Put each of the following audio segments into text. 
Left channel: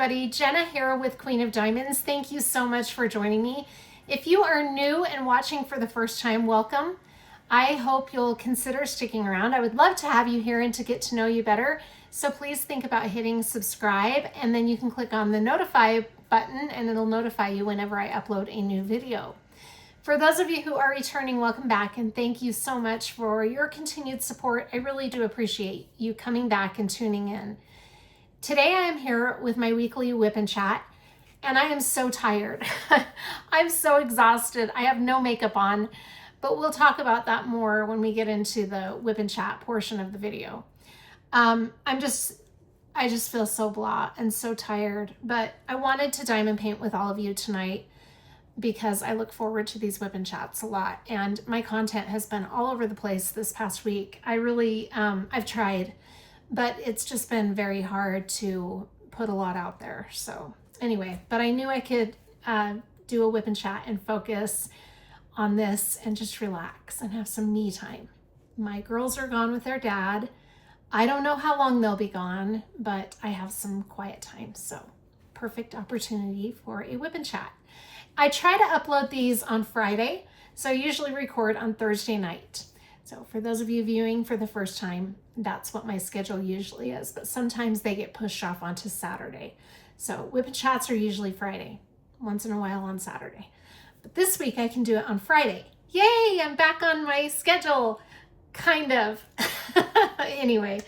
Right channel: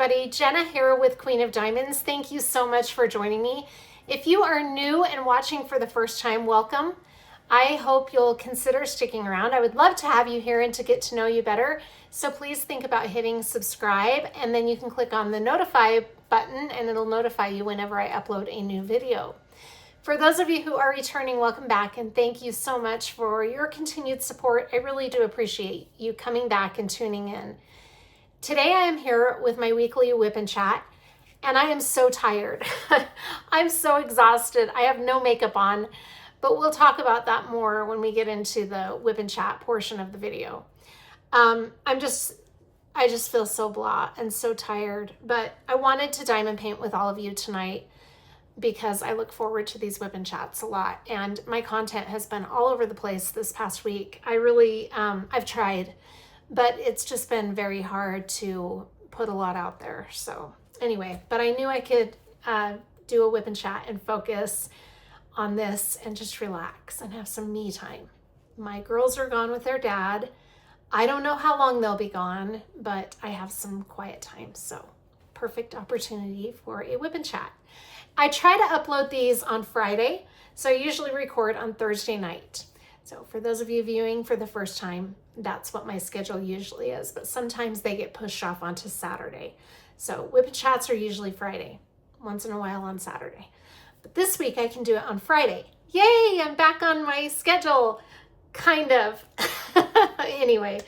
everybody. Jenna here with Queen of Diamonds. Thank you so much for joining me. If you are new and watching for the first time, welcome. I hope you'll consider sticking around. I would love to have you here and to get to know you better. So please think about hitting subscribe, and then you can click on the notify button and it'll notify you whenever I upload a new video. For those of you who are returning, welcome back, and thank you so much for your continued support. I really do appreciate you coming back and tuning in. Today I am here with my weekly WIP N Chat, and I am so tired. I'm so exhausted. I have no makeup on, but we'll talk about that more when we get into the WIP N Chat portion of the video. I just feel so blah and so tired, but I wanted to diamond paint with all of you tonight because I look forward to these WIP N Chats a lot, and my content has been all over the place this past week. I really, I've tried, but it's just been very hard to put a lot out there. So anyway, but I knew I could do a WIP N Chat and focus on this and just relax and have some me time. My girls are gone with their dad. I don't know how long they'll be gone, but I have some quiet time. So perfect opportunity for a WIP N Chat. I try to upload these on Friday, so I usually record on Thursday night. So for those of you viewing for the first time, that's what my schedule usually is, but sometimes they get pushed off onto Saturday. So WIP N Chats are usually Friday, once in a while on Saturday. But this week I can do it on Friday. Yay, I'm back on my schedule, kind of. Anyway,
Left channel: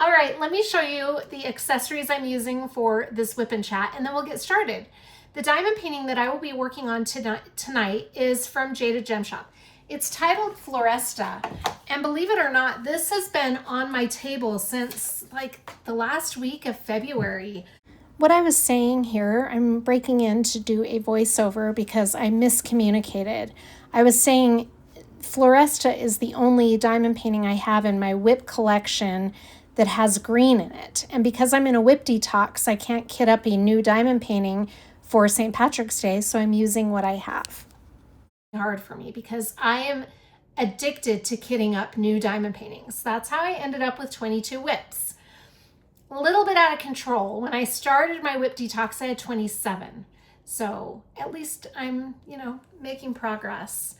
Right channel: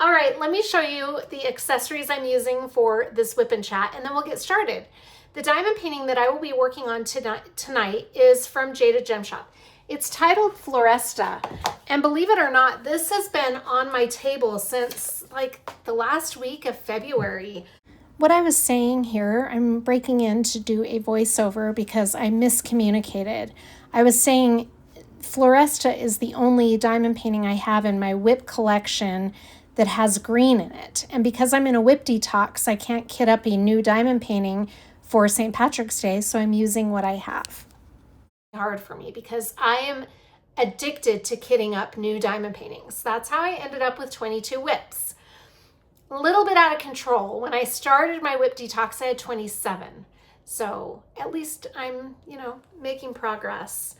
all right, let me show you the accessories I'm using for this WIP N Chat, and then we'll get started. The diamond painting that I will be working on tonight is from Jaded Gem Shop. It's titled Floresta, and believe it or not, this has been on my table since like the last week of February. What I was saying here, I'm breaking in to do a voiceover because I miscommunicated. I was saying Floresta is the only diamond painting I have in my WIP collection that has green in it. And because I'm in a WIP detox, I can't kit up a new diamond painting for St. Patrick's Day, so I'm using what I have. Hard for me because I am addicted to kitting up new diamond paintings. That's how I ended up with 22 WIPs. A little bit out of control. When I started my WIP detox, I had 27. So at least I'm, making progress.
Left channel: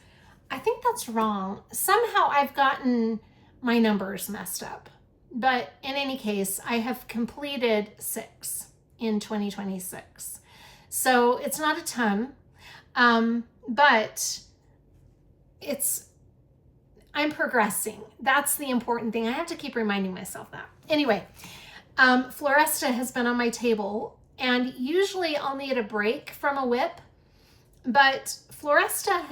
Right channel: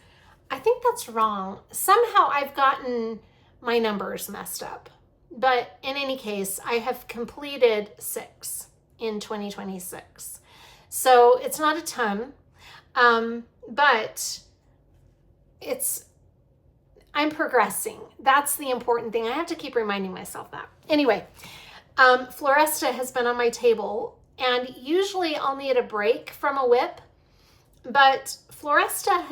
I think that's wrong. Somehow I've gotten my numbers messed up. But in any case, I have completed 6 in 2026. So it's not a ton, but I'm progressing. That's the important thing. I have to keep reminding myself that. Anyway, Floresta has been on my table, and usually I'll need a break from a WIP, but Floresta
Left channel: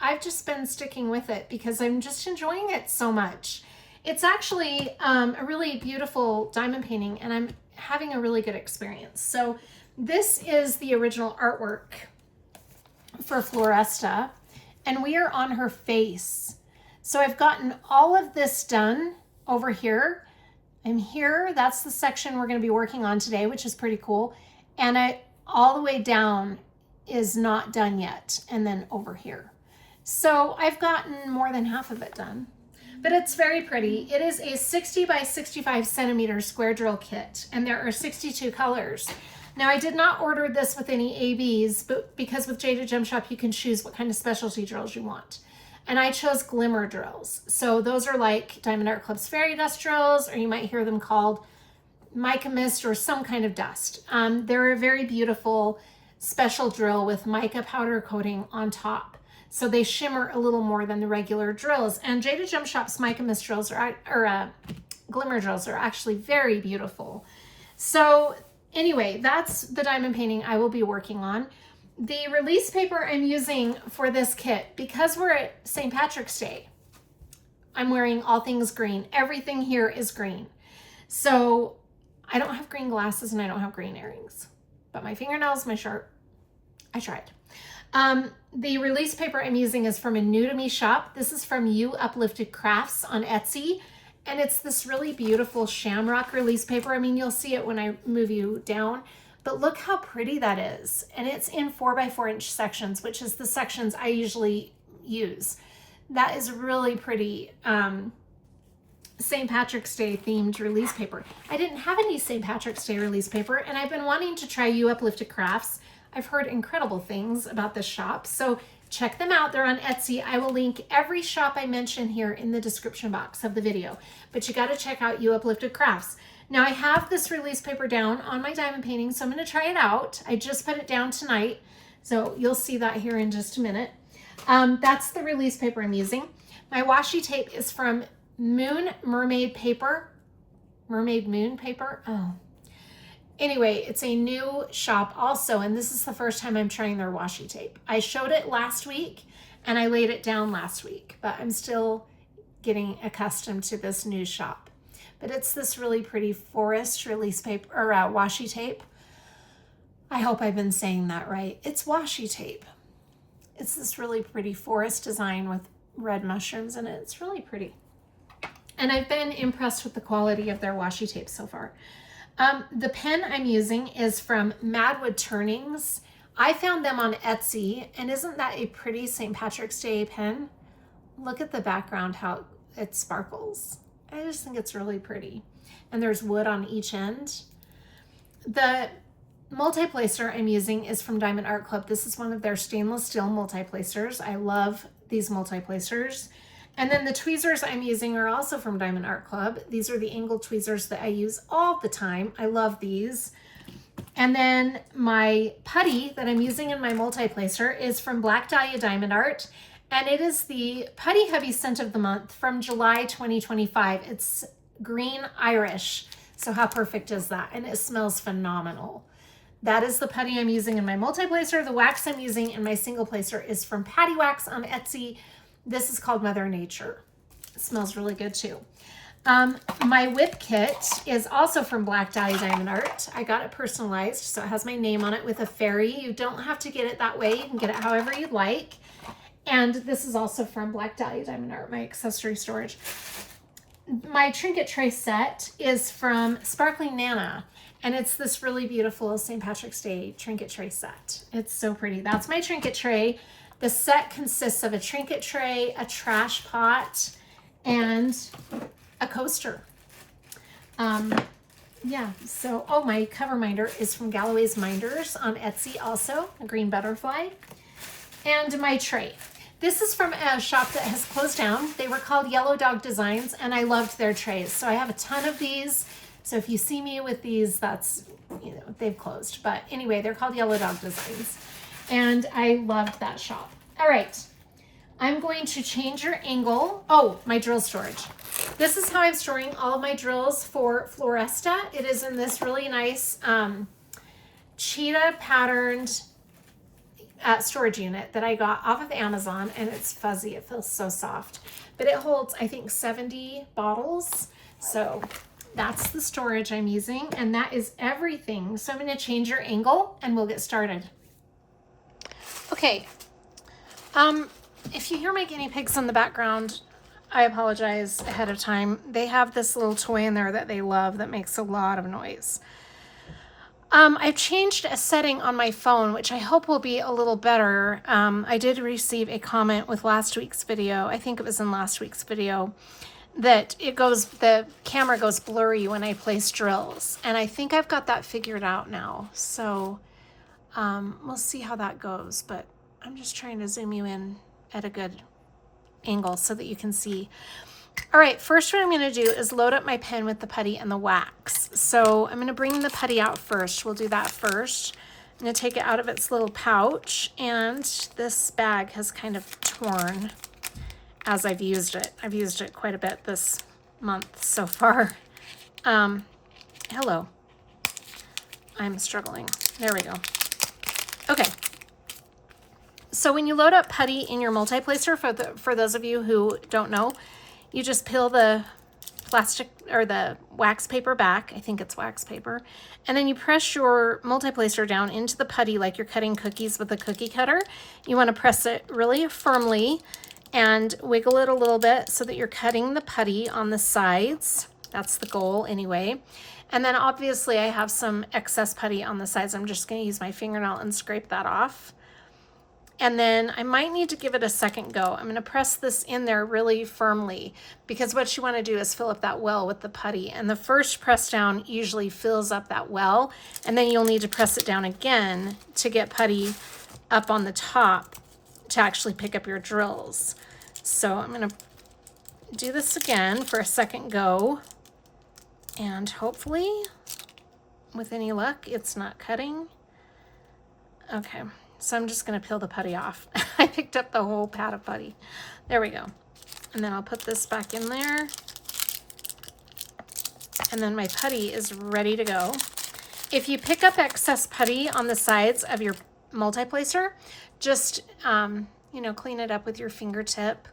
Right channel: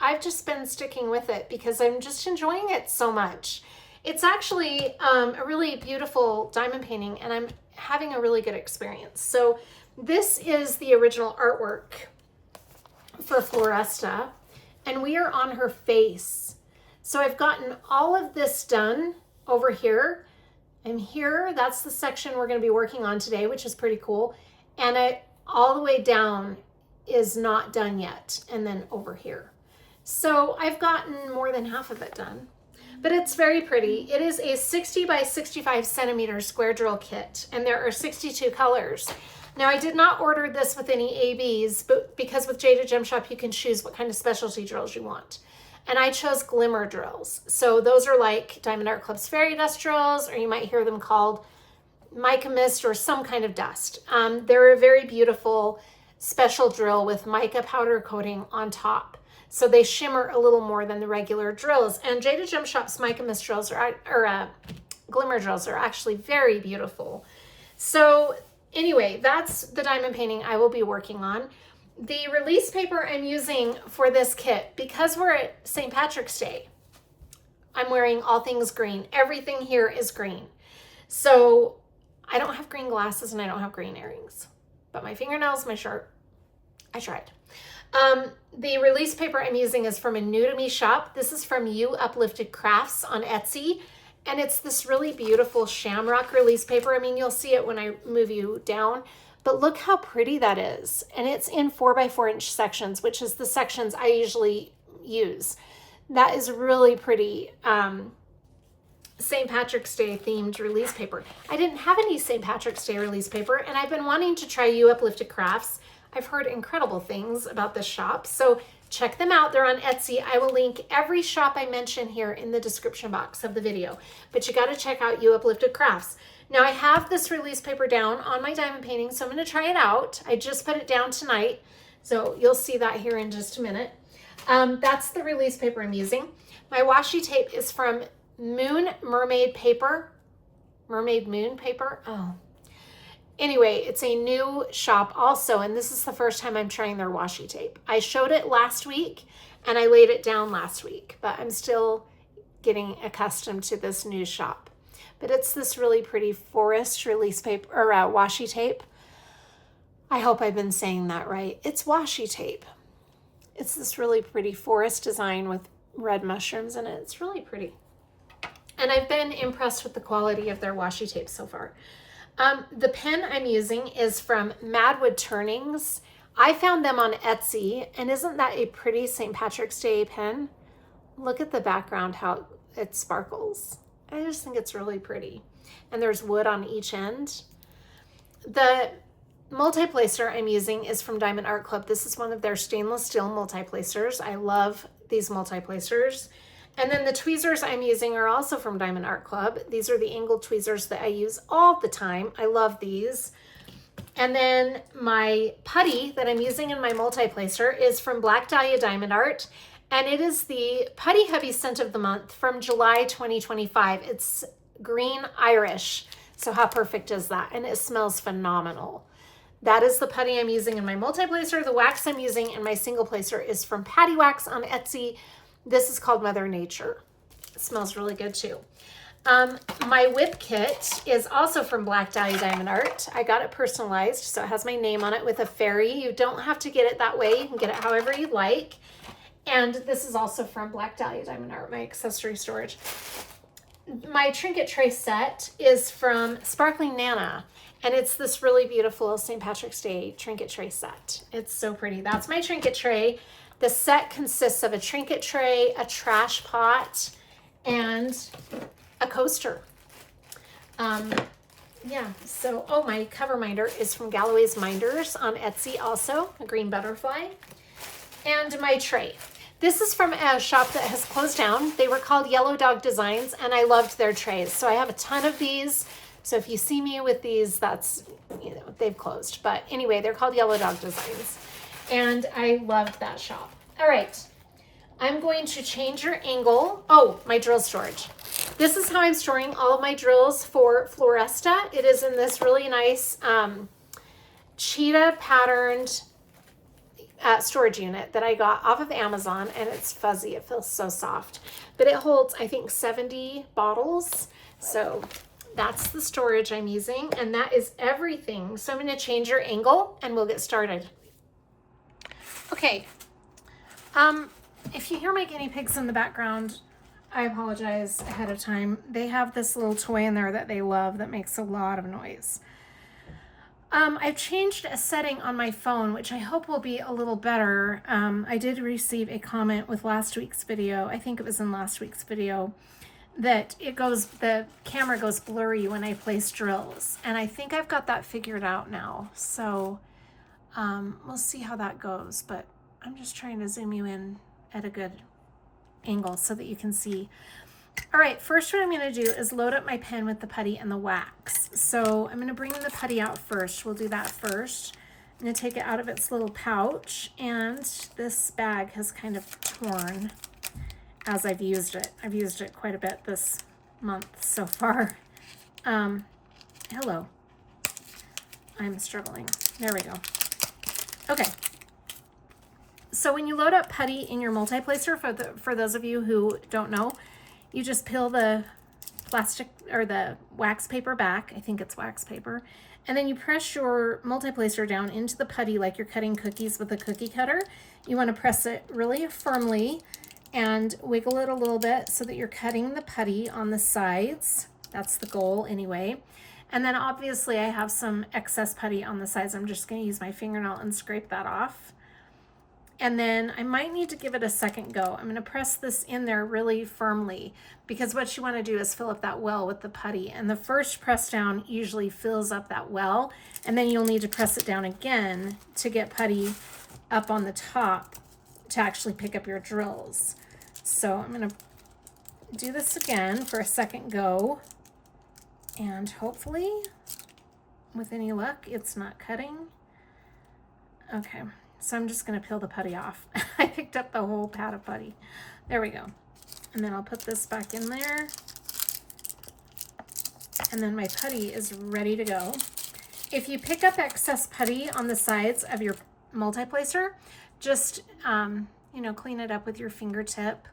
I've just been sticking with it because I'm just enjoying it so much. It's actually a really beautiful diamond painting, and I'm having a really good experience. So this is the original artwork for Floresta, and we are on her face. So I've gotten all of this done over here. I'm here. That's the section we're going to be working on today, which is pretty cool. And all the way down is not done yet. And then over here. So I've gotten more than half of it done, but it's very pretty. It is a 60 by 65 centimeter square drill kit, and there are 62 colors. Now, I did not order this with any ABs, but because with Jaded Gem Shop, you can choose what kind of specialty drills you want. And I chose glimmer drills. So those are like Diamond Art Club's fairy dust drills, or you might hear them called mica mist or some kind of dust. They're a very beautiful special drill with mica powder coating on top. So they shimmer a little more than the regular drills. And Jaded Gem Shop's mica mist drills glimmer drills are actually very beautiful. So anyway, that's the diamond painting I will be working on. The release paper I'm using for this kit, because we're at St. Patrick's Day, I'm wearing all things green. Everything here is green. So I don't have green glasses and I don't have green earrings, but my fingernails, my shirt, I tried. The release paper I'm using is from a new to me shop. This is from Uplifted Crafts on Etsy. And it's this really beautiful shamrock release paper. I mean, you'll see it when I move you down, but look how pretty that is. And it's in 4x4 inch sections, which is the sections I usually use. That is really pretty. St. Patrick's Day themed release paper. I didn't have any St. Patrick's Day release paper, and I've been wanting to try Uplifted Crafts. I've heard incredible things about this shop, so check them out. They're on Etsy. I will link every shop I mention here in the description box of the video, but you got to check out Uplifted Crafts. Now I have this release paper down on my diamond painting, so I'm going to try it out. I just put it down tonight, so you'll see that here in just a minute. That's the release paper I'm using. My washi tape is from Mermaid paper. Mermaid Moon paper. Oh. Anyway, it's a new shop also, and this is the first time I'm trying their washi tape. I showed it last week, and I laid it down last week, but I'm still getting accustomed to this new shop. But it's this really pretty forest release paper, or washi tape. I hope I've been saying that right. It's washi tape. It's this really pretty forest design with red mushrooms in it. It's really pretty. And I've been impressed with the quality of their washi tape so far. The pen I'm using is from Madwood Turnings. I found them on Etsy, and isn't that a pretty St. Patrick's Day pen? Look at the background, how it sparkles. I just think it's really pretty. And there's wood on each end. The multi-placer I'm using is from Diamond Art Club. This is one of their stainless steel multi-placers. I love these multi-placers. And then the tweezers I'm using are also from Diamond Art Club. These are the angled tweezers that I use all the time. I love these. And then my putty that I'm using in my multi-placer is from Black Dahlia Diamond Art. And it is the Putty Hubby Scent of the Month from July 2025. It's green Irish. So how perfect is that? And it smells phenomenal. That is the putty I'm using in my multi-placer. The wax I'm using in my single placer is from PaddyWaxx on Etsy. This is called Mother Nature. It smells really good too. My WIP kit is also from Black Dahlia Diamond Art. I got it personalized, so it has my name on it with a fairy. You don't have to get it that way. You can get it however you like. And this is also from Black Dahlia Diamond Art, my accessory storage. My trinket tray set is from Sparkling Nana, and it's this really beautiful St. Patrick's Day trinket tray set. It's so pretty. That's my trinket tray. The set consists of a trinket tray, a trash pot, and a coaster. Yeah, so, oh, my Coverminder is from Galloways Minders on Etsy also, a green butterfly. And my tray. This is from a shop that has closed down. They were called Yellow Dog Designs, and I loved their trays. So I have a ton of these. So if you see me with these, that's, you know, they've closed. But anyway, they're called Yellow Dog Designs. And I loved that shop. All right, I'm going to change your angle. Oh, my drill storage. This is how I'm storing all of my drills for Floresta. It is in this really nice cheetah patterned storage unit that I got off of Amazon, and it's fuzzy. It feels so soft, but it holds, I think, 70 bottles. So that's the storage I'm using, and that is everything. So I'm going to change your angle and we'll get started. Okay. If you hear my guinea pigs in the background, I apologize ahead of time. They have this little toy in there that they love that makes a lot of noise. I've changed a setting on my phone, which I hope will be a little better. I did receive a comment with last week's video. I think it was in last week's video that the camera goes blurry when I place drills. And I think I've got that figured out now. So, we'll see how that goes, but I'm just trying to zoom you in at a good angle so that you can see. All right, first what I'm going to do is load up my pen with the putty and the wax. So I'm going to bring the putty out first. We'll do that first. I'm going to take it out of its little pouch, and this bag has kind of torn as I've used it. I've used it quite a bit this month so far. Hello. I'm struggling. There we go. Okay. So when you load up putty in your multi-placer, for those of you who don't know, you just peel the plastic or the wax paper back. I think it's wax paper. And then you press your multi-placer down into the putty like you're cutting cookies with a cookie cutter. You want to press it really firmly and wiggle it a little bit so that you're cutting the putty on the sides. That's the goal anyway. And then obviously I have some excess putty on the sides. I'm just going to use my fingernail and scrape that off. And then I might need to give it a second go. I'm going to press this in there really firmly, because what you want to do is fill up that well with the putty. And the first press down usually fills up that well, and then you'll need to press it down again to get putty up on the top to actually pick up your drills. So I'm going to do this again for a second go, and hopefully with any luck it's not cutting. Okay. So I'm just going to peel the putty off. I picked up the whole pad of putty. There we go. And then I'll put this back in there. And then my putty is ready to go. If you pick up excess putty on the sides of your multi-placer, just, you know, clean it up with your fingertip.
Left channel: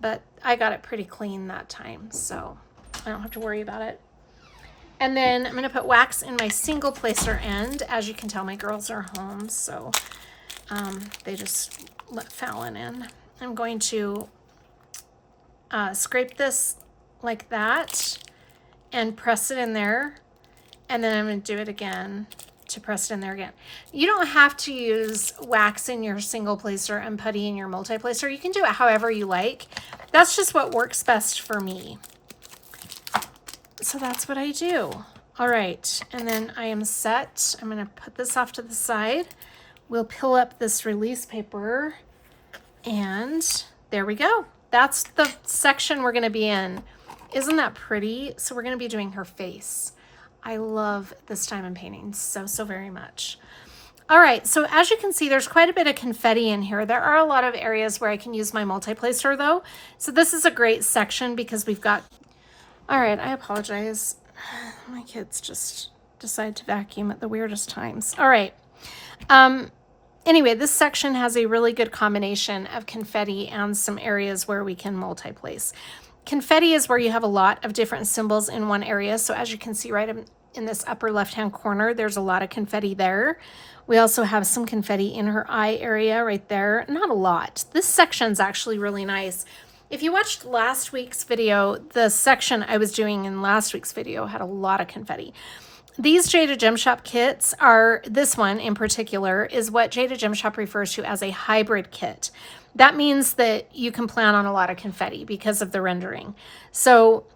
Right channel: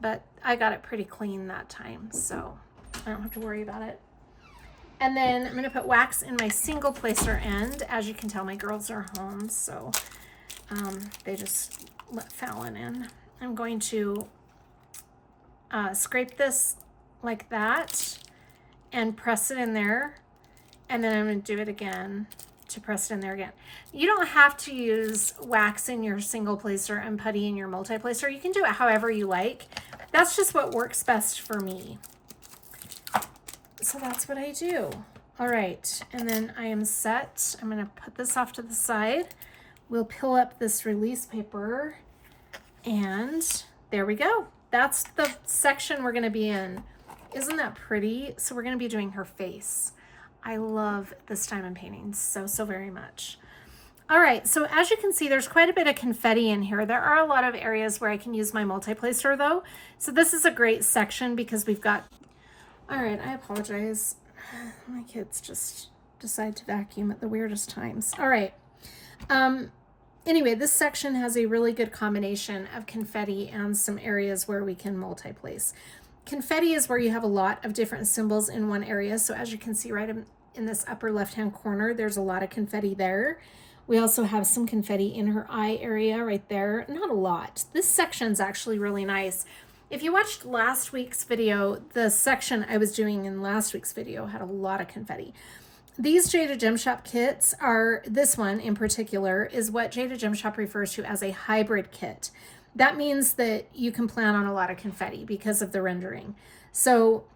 But I got it pretty clean that time, so I don't have to worry about it. And then I'm going to put wax in my single placer end. As you can tell, my girls are home, so they just let Fallon in. I'm going to scrape this like that and press it in there, and then I'm going to do it again to press it in there again. You don't have to use wax in your single placer and putty in your multi-placer. You can do it however you like. That's just what works best for me. So that's what I do. All right, and then I am set. I'm going to put this off to the side. We'll peel up this release paper, and there we go. That's the section we're going to be in. Isn't that pretty? So we're going to be doing her face. I love this diamond painting so very much. All right, so as you can see, there's quite a bit of confetti in here. There are a lot of areas where I can use my multi-placer though. So this is a great section because we've got, all right, I apologize. My kids just decide to vacuum at the weirdest times. All right. Anyway, this section has a really good combination of confetti and some areas where we can multi-place. Confetti is where you have a lot of different symbols in one area. So as you can see right in this upper left-hand corner, there's a lot of confetti there. We also have some confetti in her eye area right there. Not a lot. This section's actually really nice. If you watched last week's video, the section I was doing in last week's video had a lot of confetti. These Jaded Gem Shop kits are, this one in particular, is what Jaded Gem Shop refers to as a hybrid kit. That means that you can plan on a lot of confetti because of the rendering. So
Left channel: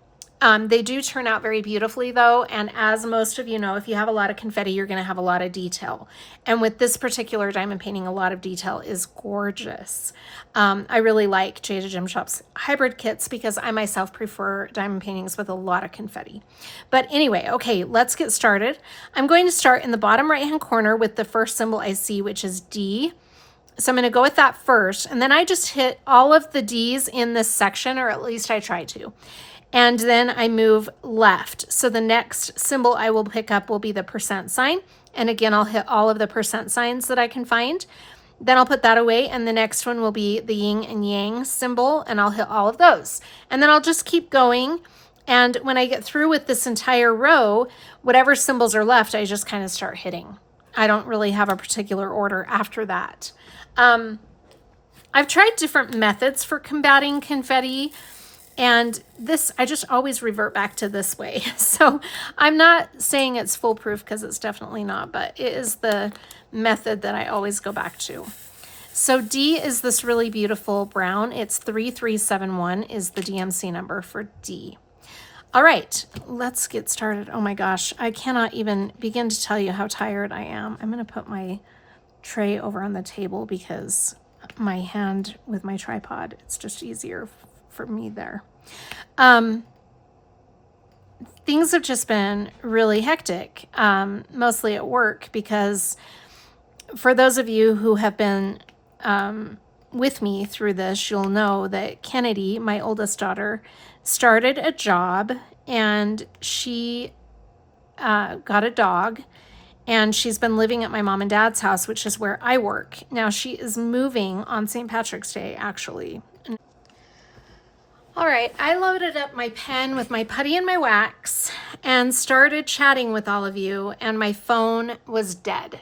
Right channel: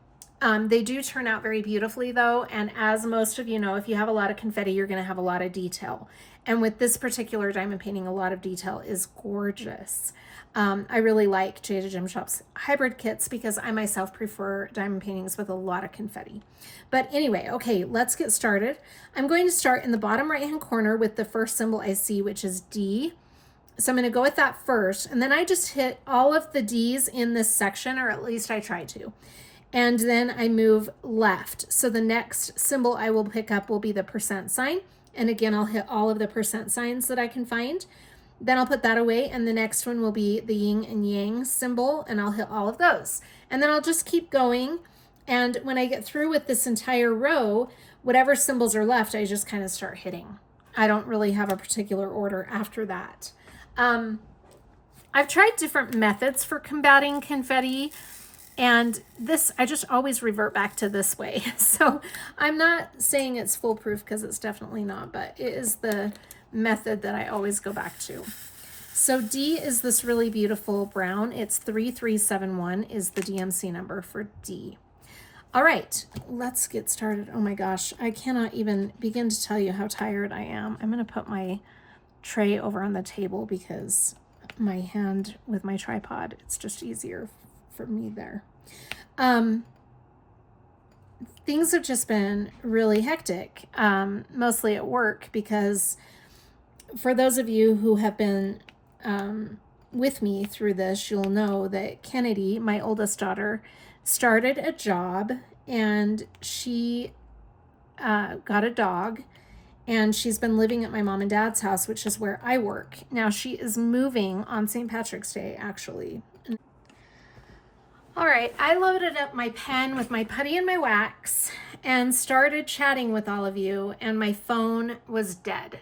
they do turn out very beautifully though, and as most of you know, if you have a lot of confetti, you're going to have a lot of detail. And with this particular diamond painting, a lot of detail is gorgeous. I really like Jaded Gem Shop's hybrid kits because I myself prefer diamond paintings with a lot of confetti. But anyway, okay, let's get started. I'm going to start in the bottom right-hand corner with the first symbol I see, which is D. So I'm going to go with that first, and then I just hit all of the D's in this section, or at least I try to. And then I move left. So the next symbol I will pick up will be the percent sign. And again, I'll hit all of the percent signs that I can find. Then I'll put that away, and the next one will be the yin and yang symbol, and I'll hit all of those. And then I'll just keep going. And when I get through with this entire row, whatever symbols are left, I just kind of start hitting. I don't really have a particular order after that. I've tried different methods for combating confetti, and this, I just always revert back to this way. So I'm not saying it's foolproof because it's definitely not, but it is the method that I always go back to. So D is this really beautiful brown. It's 3371 is the DMC number for D. All right, let's get started. Oh my gosh, I cannot even begin to tell you how tired I am. I'm going to put my tray over on the table because my hand with my tripod, it's just easier for me there. Things have just been really hectic, mostly at work, because for those of you who have been with me through this, you'll know that Kennedy, my oldest daughter, started a job, and she got a dog, and she's been living at my mom and dad's house, which is where I work. Now she is moving on St. Patrick's Day, actually. All right, I loaded up my pen with my putty and my wax and started chatting with all of you, and my phone was dead.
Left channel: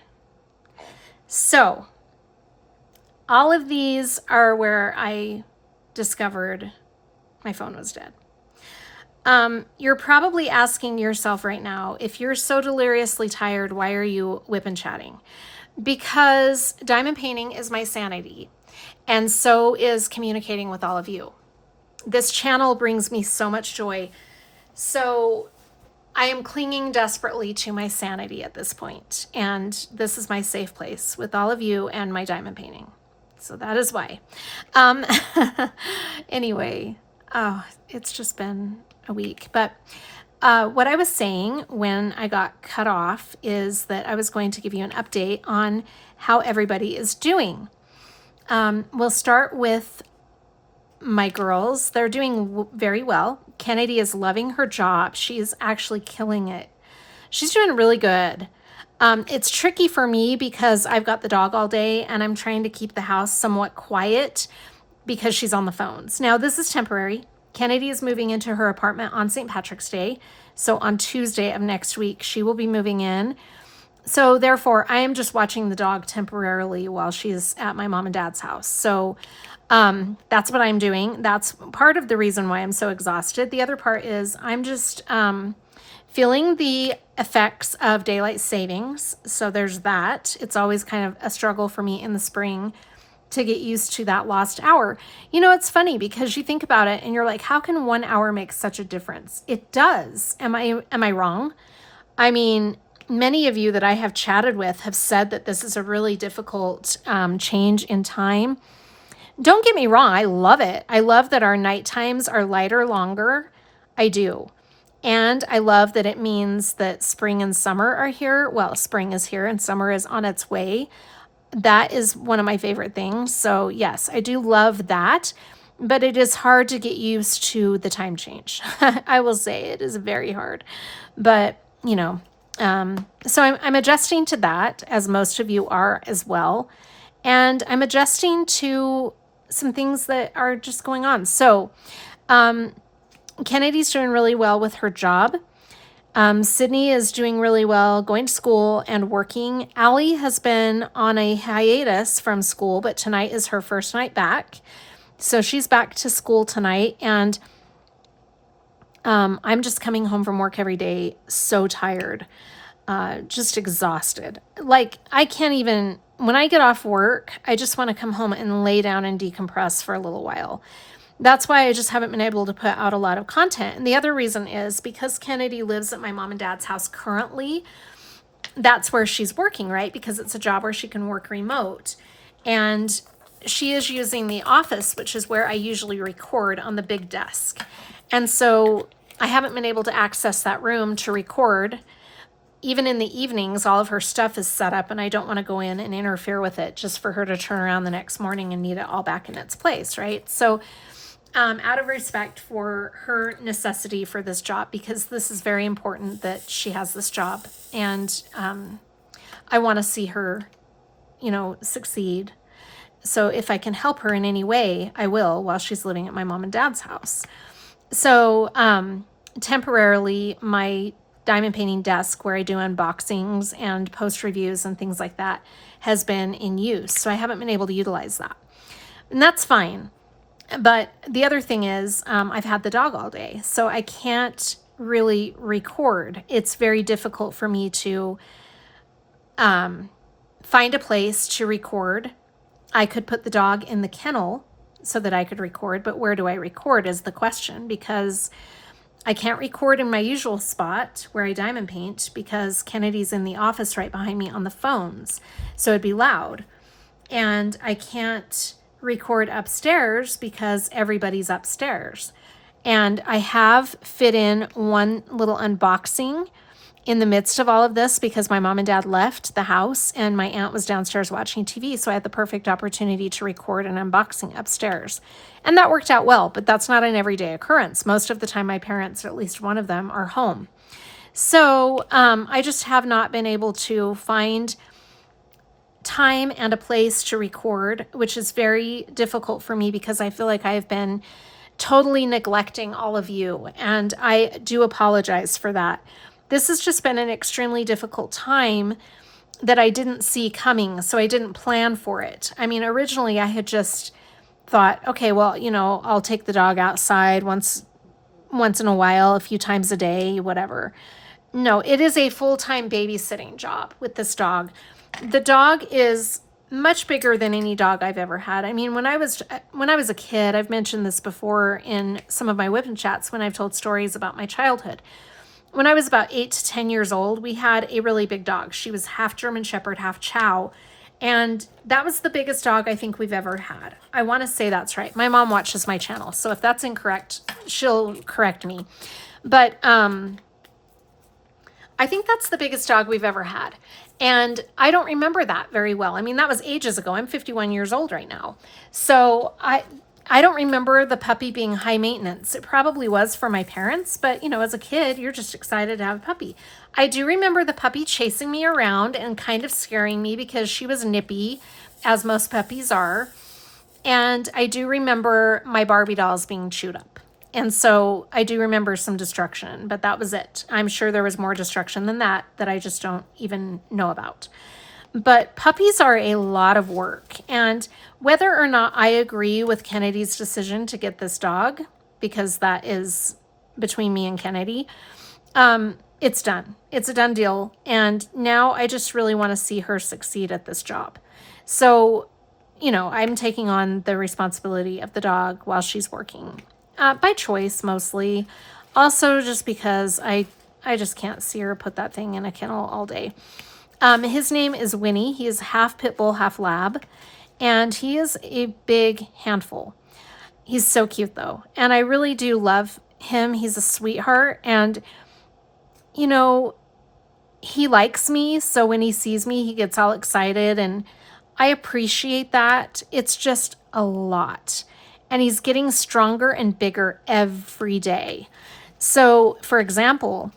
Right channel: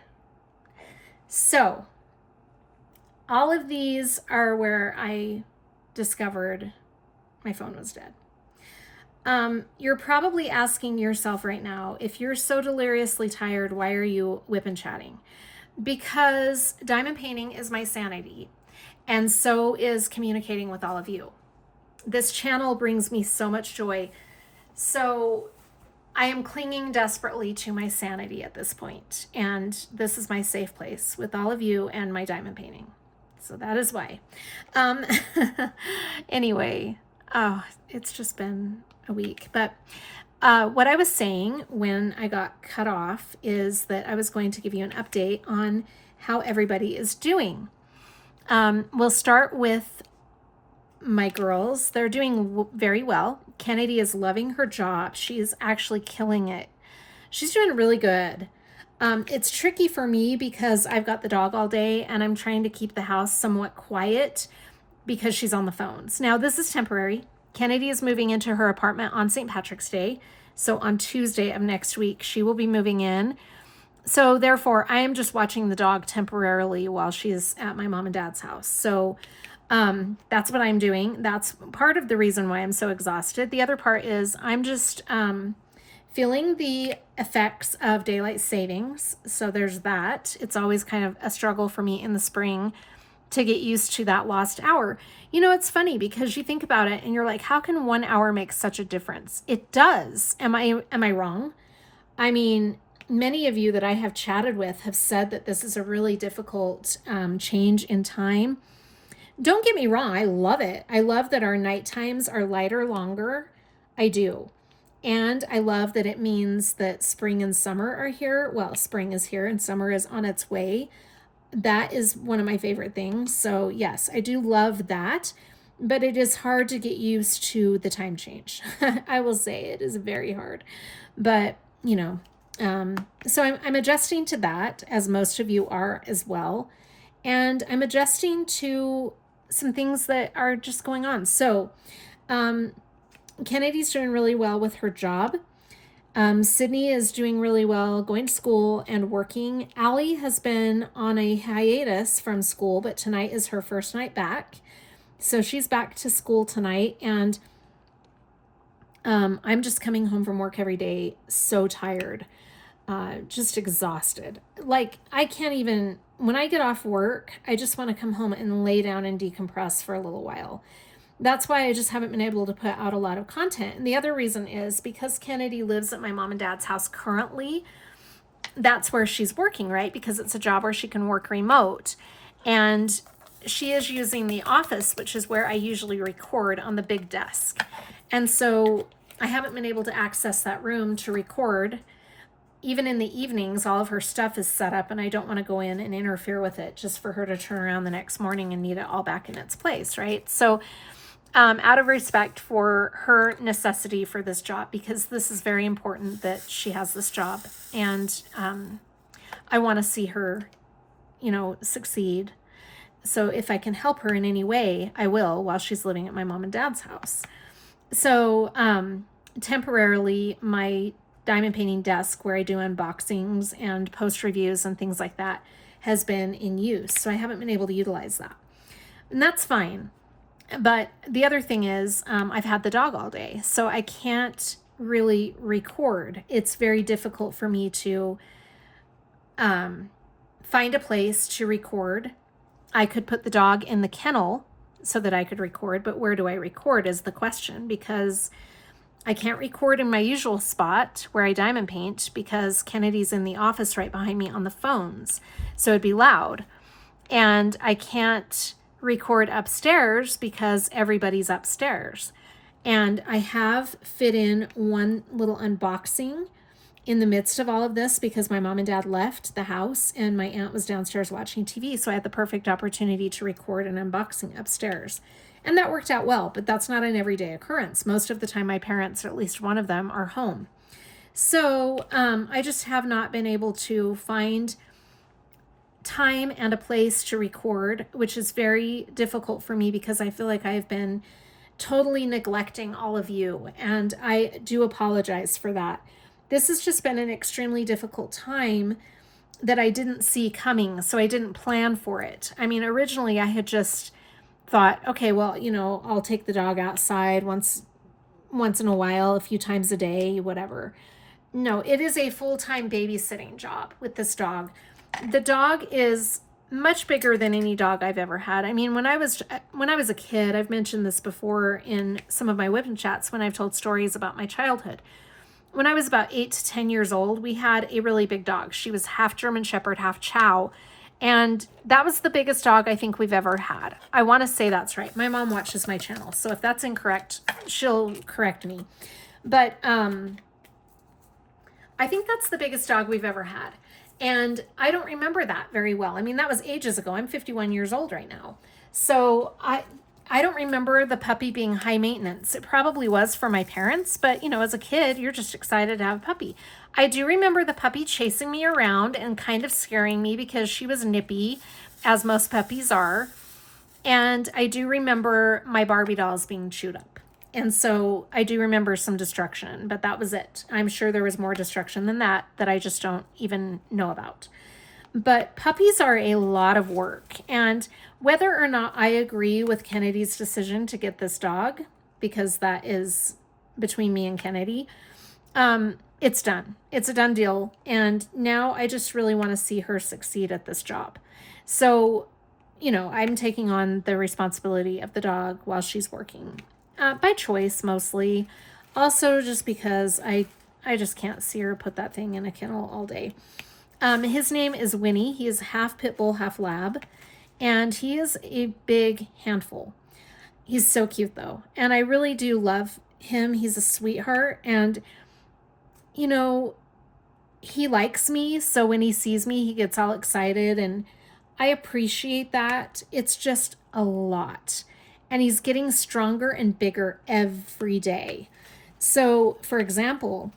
So all of these are where I discovered my phone was dead. You're probably asking yourself right now, if you're so deliriously tired, why are you WIP N Chatting? because diamond painting is my sanity, and so is communicating with all of you. This channel brings me so much joy. So I am clinging desperately to my sanity at this point, and this is my safe place with all of you and my diamond painting. So that is why. Anyway, oh, it's just been a week. But what I was saying when I got cut off is that I was going to give you an update on how everybody is doing. We'll start with my girls. They're doing very well. Kennedy is loving her job. She's actually killing it. She's doing really good. It's tricky for me because I've got the dog all day and I'm trying to keep the house somewhat quiet because she's on the phones. Now, this is temporary. Kennedy is moving into her apartment on St. Patrick's Day. So on Tuesday of next week, she will be moving in. So therefore, I am just watching the dog temporarily while she's at my mom and dad's house. So that's what I'm doing. That's part of the reason why I'm so exhausted. The other part is I'm just feeling the effects of daylight savings. So there's that. It's always kind of a struggle for me in the spring to get used to that lost hour. You know, it's funny because you think about it and you're like, how can 1 hour make such a difference? It does. Am I wrong? I mean, many of you that I have chatted with have said that this is a really difficult change in time. Don't get me wrong, I love it. I love that our night times are lighter, longer. I do. And I love that it means that spring and summer are here. Well, spring is here and summer is on its way. That is one of my favorite things. So yes, I do love that, but it is hard to get used to the time change. I will say it is very hard, but you know, so I'm adjusting to that, as most of you are as well. And I'm adjusting to some things that are just going on. So Kennedy's doing really well with her job. Sydney is doing really well, going to school and working. Allie has been on a hiatus from school, but tonight is her first night back. So she's back to school tonight. And I'm just coming home from work every day so tired, just exhausted. Like I can't even, when I get off work, I just want to come home and lay down and decompress for a little while. That's why I just haven't been able to put out a lot of content. And the other reason is because Kennedy lives at my mom and dad's house currently. That's where she's working, right? Because it's a job where she can work remote. And she is using the office, which is where I usually record, on the big desk. And so I haven't been able to access that room to record. Even in the evenings, all of her stuff is set up and I don't want to go in and interfere with it just for her to turn around the next morning and need it all back in its place, right? So out of respect for her necessity for this job, because this is very important that she has this job, and I want to see her, you know, succeed. So if I can help her in any way, I will, while she's living at my mom and dad's house. So temporarily, my diamond painting desk where I do unboxings and post reviews and things like that has been in use. So I haven't been able to utilize that. And that's fine. But the other thing is I've had the dog all day, so I can't really record. It's very difficult for me to find a place to record. I could put the dog in the kennel so that I could record, but where do I record is the question, because I can't record in my usual spot where I diamond paint because Kennedy's in the office right behind me on the phones, so it'd be loud. And I can't record upstairs because everybody's upstairs. And I have fit in one little unboxing in the midst of all of this because my mom and dad left the house and my aunt was downstairs watching TV. So I had the perfect opportunity to record an unboxing upstairs. And that worked out well, but that's not an everyday occurrence. Most of the time, my parents, or at least one of them, are home. So I just have not been able to find time and a place to record, which is very difficult for me because I feel like I've been totally neglecting all of you, and I do apologize for that. This has just been an extremely difficult time that I didn't see coming, so I didn't plan for it. I mean, originally I had just thought, okay, well, you know, I'll take the dog outside once in a while, a few times a day, whatever. No, it is a full-time babysitting job with this dog. the dog is much bigger than any dog I've ever had. I mean, when I was a kid, I've mentioned this before in some of my WIP N Chats when I've told stories about my childhood. When I was about 8 to 10 years old, we had a really big dog. She was half German Shepherd, half Chow. And that was the biggest dog I think we've ever had. I want to say that's right. My mom watches my channel, so if that's incorrect, she'll correct me. But I think that's the biggest dog we've ever had. And I don't remember that very well. I mean, that was ages ago. I'm 51 years old right now. So I don't remember the puppy being high maintenance. It probably was for my parents, but you know, as a kid, you're just excited to have a puppy. I do remember the puppy chasing me around and kind of scaring me because she was nippy, as most puppies are. And I do remember my Barbie dolls being chewed up. And so I do remember some destruction, but that was it. I'm sure there was more destruction than that I just don't even know about. But puppies are a lot of work. And whether or not I agree with Kennedy's decision to get this dog, because that is between me and Kennedy, it's done. It's a done deal. And now I just really want to see her succeed at this job. So, you know, I'm taking on the responsibility of the dog while she's working. By choice, mostly. Also, just because I just can't see her put that thing in a kennel all day. His name is Winnie. He is half pit bull, half lab. And he is a big handful. He's so cute, though. And I really do love him. He's a sweetheart. And, you know, he likes me. So when he sees me, he gets all excited. And I appreciate that. It's just a lot. And he's getting stronger and bigger every day. So, for example,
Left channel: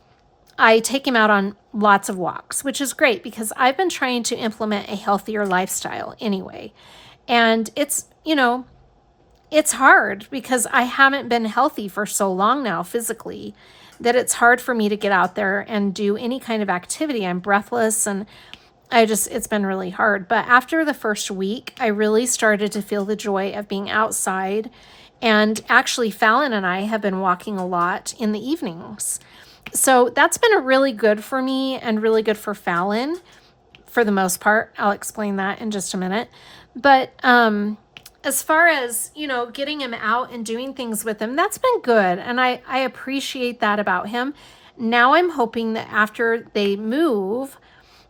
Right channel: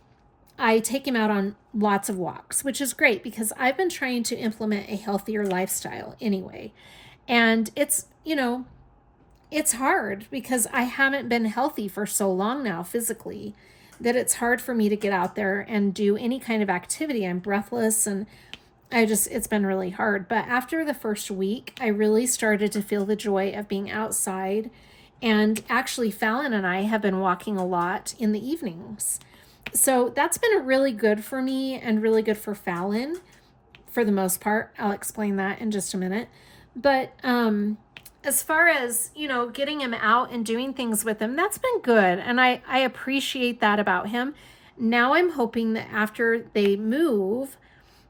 I take him out on lots of walks, which is great because I've been trying to implement a healthier lifestyle anyway. And it's, you know, it's hard because I haven't been healthy for so long now physically that it's hard for me to get out there and do any kind of activity. I'm breathless and it's been really hard. But after the first week, I really started to feel the joy of being outside. And actually, Fallon and I have been walking a lot in the evenings. So that's been really good for me and really good for Fallon for the most part. I'll explain that in just a minute. But as far as, you know, getting him out and doing things with him, that's been good. And I appreciate that about him. Now I'm hoping that after they move,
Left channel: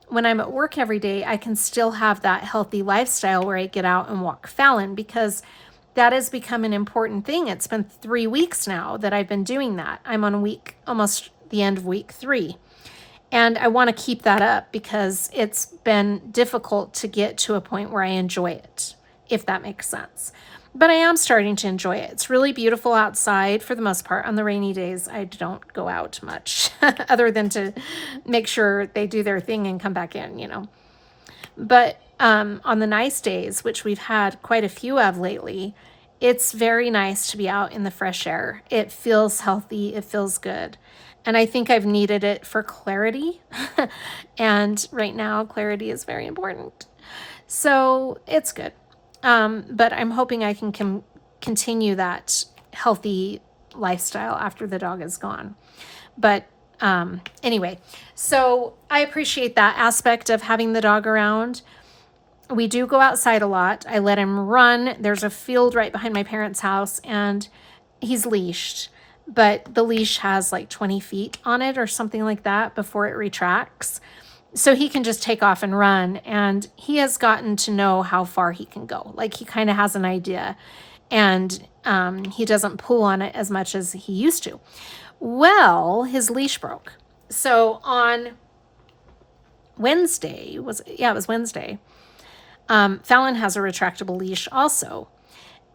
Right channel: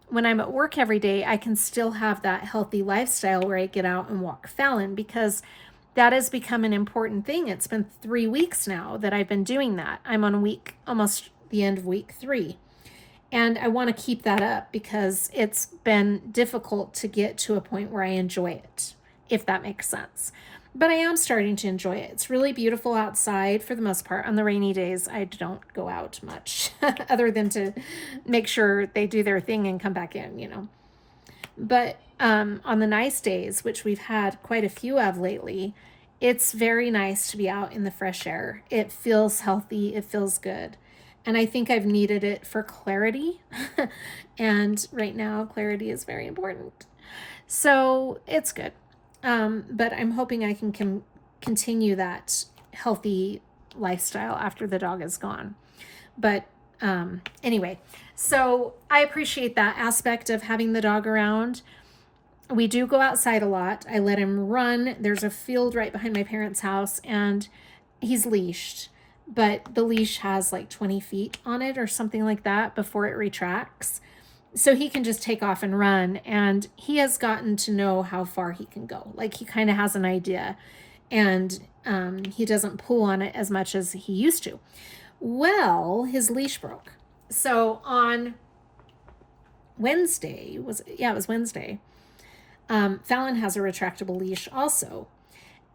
when I'm at work every day, I can still have that healthy lifestyle where I get out and walk Fallon, because that has become an important thing. It's been 3 weeks now that I've been doing that. I'm on almost the end of week 3. And I want to keep that up because it's been difficult to get to a point where I enjoy it, if that makes sense. But I am starting to enjoy it. It's really beautiful outside for the most part. On the rainy days, I don't go out much other than to make sure they do their thing and come back in, you know. But on the nice days, which we've had quite a few of lately, it's very nice to be out in the fresh air. It feels healthy. It feels good. And I think I've needed it for clarity. And right now, clarity is very important. So it's good. But I'm hoping I can continue that healthy lifestyle after the dog is gone. But anyway, so I appreciate that aspect of having the dog around. We do go outside a lot. I let him run. There's a field right behind my parents' house, and he's leashed. But the leash has like 20 feet on it or something like that before it retracts. So he can just take off and run, and he has gotten to know how far he can go. Like, he kind of has an idea, and he doesn't pull on it as much as he used to. Well, his leash broke. So on Wednesday, it was Wednesday, Fallon has a retractable leash also.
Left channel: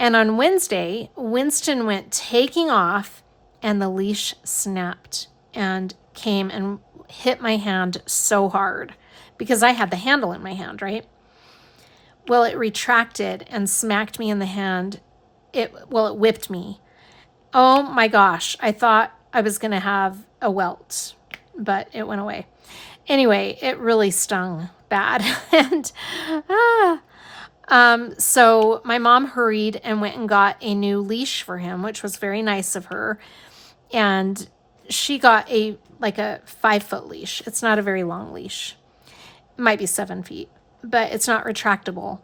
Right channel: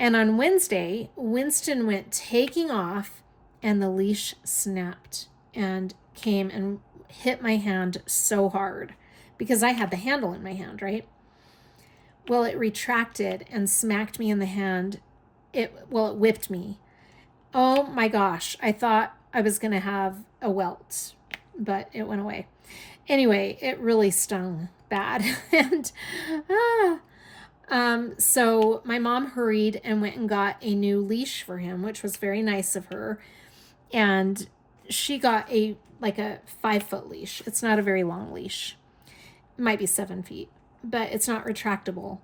And on Wednesday, Winston went taking off, and the leash snapped and came and hit my hand so hard because I had the handle in my hand, right? Well, it retracted and smacked me in the hand. It whipped me. Oh my gosh. I thought I was going to have a welt, but it went away. Anyway, it really stung bad. And so my mom hurried and went and got a new leash for him, which was very nice of her. And she got a 5-foot leash. It's not a very long leash. It might be 7 feet. but it's not retractable.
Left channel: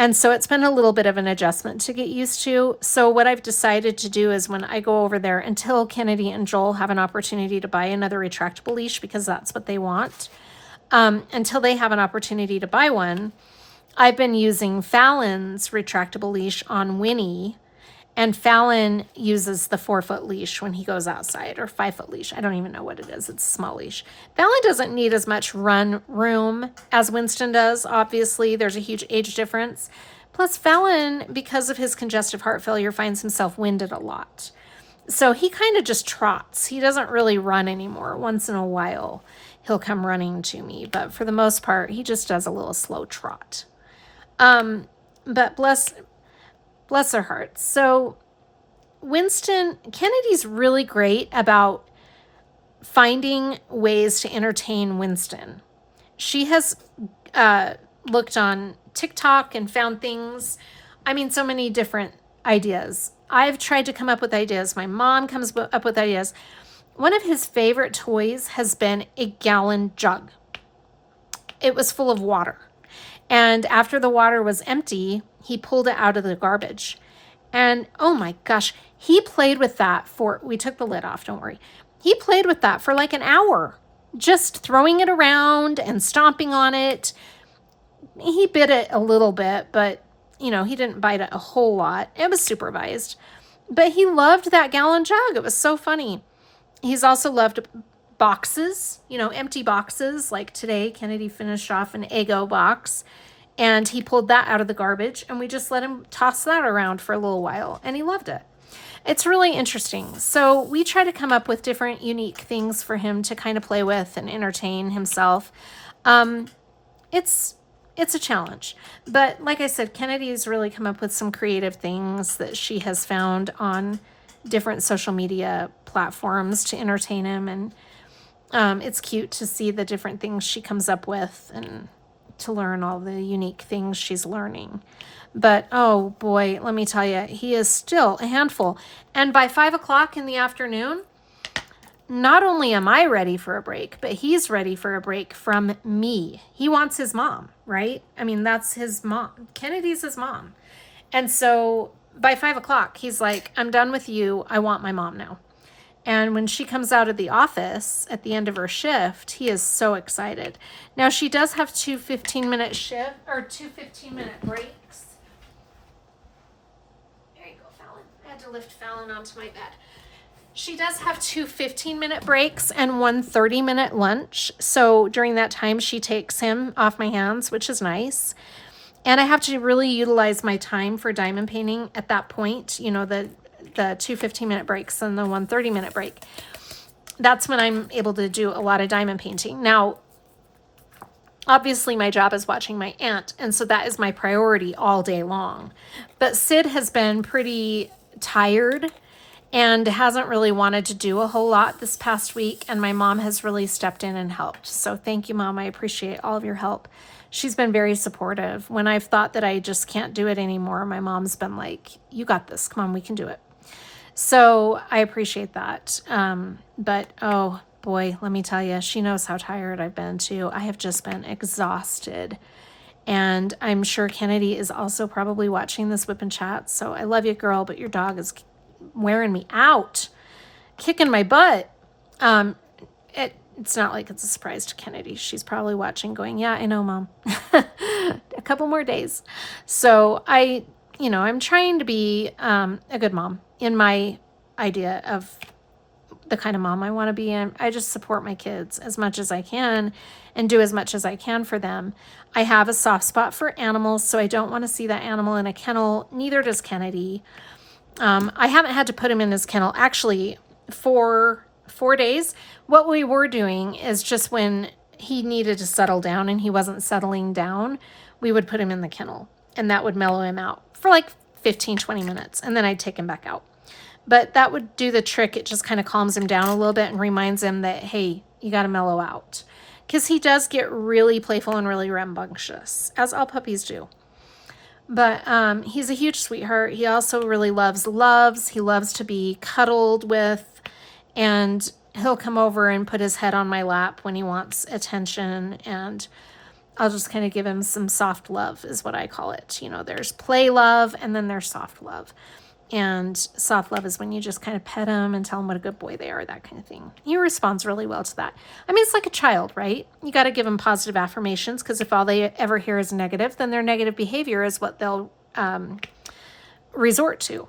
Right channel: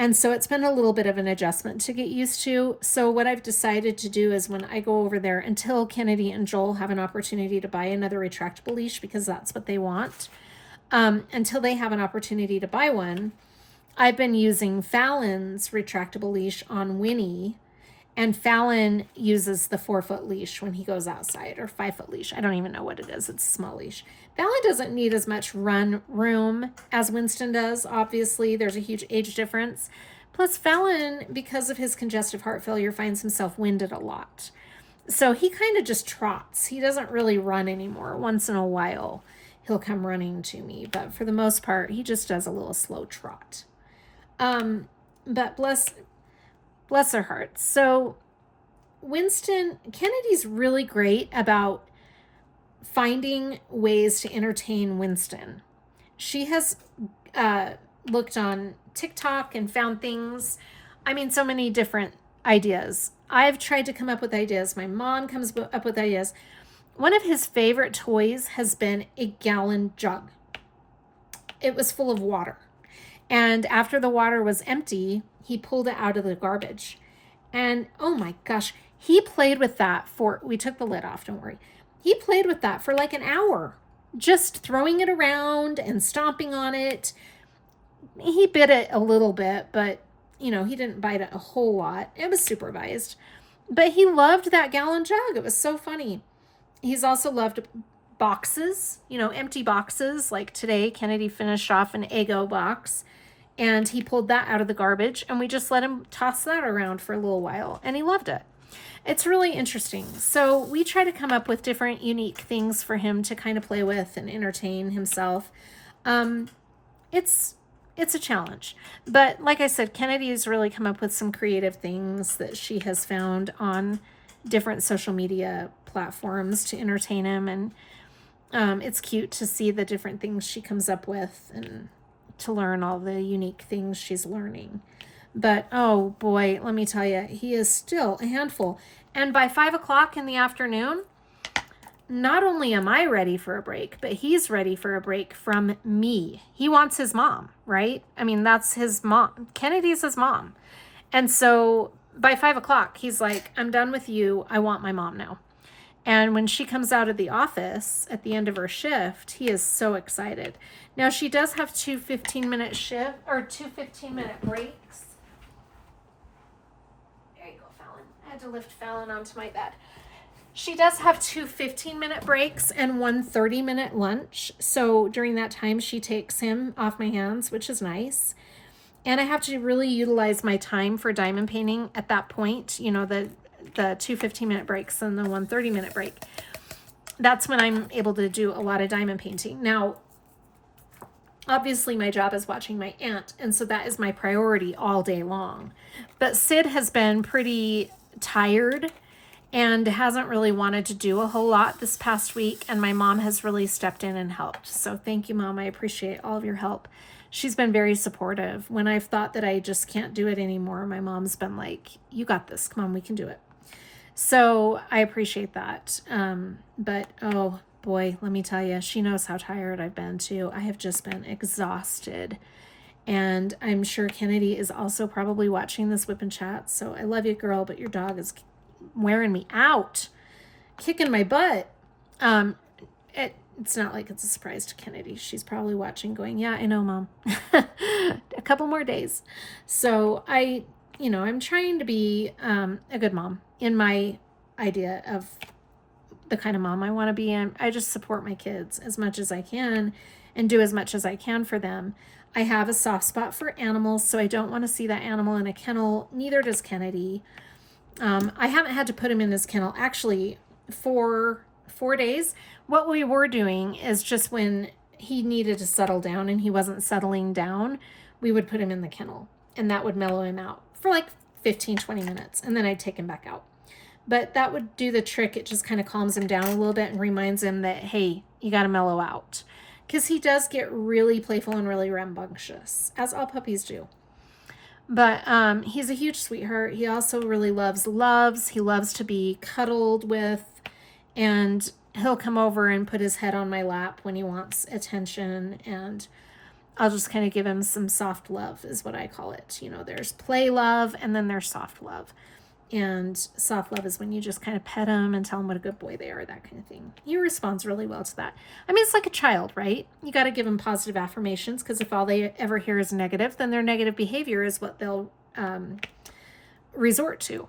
And so it's been a little bit of an adjustment to get used to. So what I've decided to do is when I go over there, until Kennedy and Joel have an opportunity to buy another retractable leash, because that's what they want, until they have an opportunity to buy one, I've been using Fallon's retractable leash on Winnie, and Fallon uses the 4-foot leash when he goes outside, or 5-foot leash. I don't even know what it is. It's a small leash. Fallon doesn't need as much run room as Winston does. Obviously, there's a huge age difference. Plus, Fallon, because of his congestive heart failure, finds himself winded a lot. So he kind of just trots. He doesn't really run anymore. Once in a while, he'll come running to me. But for the most part, he just does a little slow trot. But bless their hearts. So Kennedy's really great about finding ways to entertain Winston. She has looked on TikTok and found things. I mean, so many different ideas. I've tried to come up with ideas. My mom comes up with ideas. One of his favorite toys has been a gallon jug. It was full of water. And after the water was empty, he pulled it out of the garbage. And oh my gosh, he played with that we took the lid off, don't worry. He played with that for like an hour, just throwing it around and stomping on it. He bit it a little bit, but he didn't bite it a whole lot. It was supervised. But he loved that gallon jug. It was so funny. He's also loved boxes, empty boxes. Like today, Kennedy finished off an Eggo box, and he pulled that out of the garbage, and we just let him toss that around for a little while, and he loved it. It's really interesting. So we try to come up with different unique things for him to kind of play with and entertain himself. It's a challenge. But like I said, Kennedy's really come up with some creative things that she has found on different social media platforms to entertain him. And it's cute to see the different things she comes up with and to learn all the unique things she's learning. But oh boy, let me tell you, he is still a handful. And by 5 o'clock in the afternoon, not only am I ready for a break, but he's ready for a break from me. He wants his mom, right? I mean, that's his mom. Kennedy's his mom. And so by 5 o'clock, he's like, I'm done with you. I want my mom now. And when she comes out of the office at the end of her shift, he is so excited. Now, she does have two 15-minute breaks. There you go, Fallon. I had to lift Fallon onto my bed. She does have two 15-minute breaks and one 30-minute lunch. So during that time, she takes him off my hands, which is nice. And I have to really utilize my time for diamond painting at that point, the two 15-minute breaks and the one 30-minute break. That's when I'm able to do a lot of diamond painting. Now, obviously my job is watching my aunt, and so that is my priority all day long. But Sid has been pretty tired and hasn't really wanted to do a whole lot this past week, and my mom has really stepped in and helped. So thank you, Mom. I appreciate all of your help. She's been very supportive. When I've thought that I just can't do it anymore, my mom's been like, you got this. Come on, we can do it. So I appreciate that. But oh boy, let me tell you, she knows how tired I've been too. I have just been exhausted. And I'm sure Kennedy is also probably watching this WIP N Chat. So I love you, girl, but your dog is wearing me out, kicking my butt. It's not like it's a surprise to Kennedy. She's probably watching going, yeah, I know, Mom. A couple more days. So I'm trying to be a good mom in my idea of the kind of mom I want to be in. I just support my kids as much as I can and do as much as I can for them. I have a soft spot for animals, so I don't want to see that animal in a kennel. Neither does Kennedy. I haven't had to put him in his kennel actually for 4 days. What we were doing is just when he needed to settle down and he wasn't settling down, we would put him in the kennel, and that would mellow him out for like 15-20 minutes, and then I'd take him back out. But that would do the trick. It just kind of calms him down a little bit and reminds him that, hey, you got to mellow out, because he does get really playful and really rambunctious, as all puppies do. But he's a huge sweetheart. He also really loves. He loves to be cuddled with, and he'll come over and put his head on my lap when he wants attention. And I'll just kind of give him some soft love is what I call it. You know, there's play love and then there's soft love. And soft love is when you just kind of pet him and tell him what a good boy they are, that kind of thing. He responds really well to that. I mean, it's like a child, right? You got to give them positive affirmations, because if all they ever hear is negative, then their negative behavior is what they'll resort to.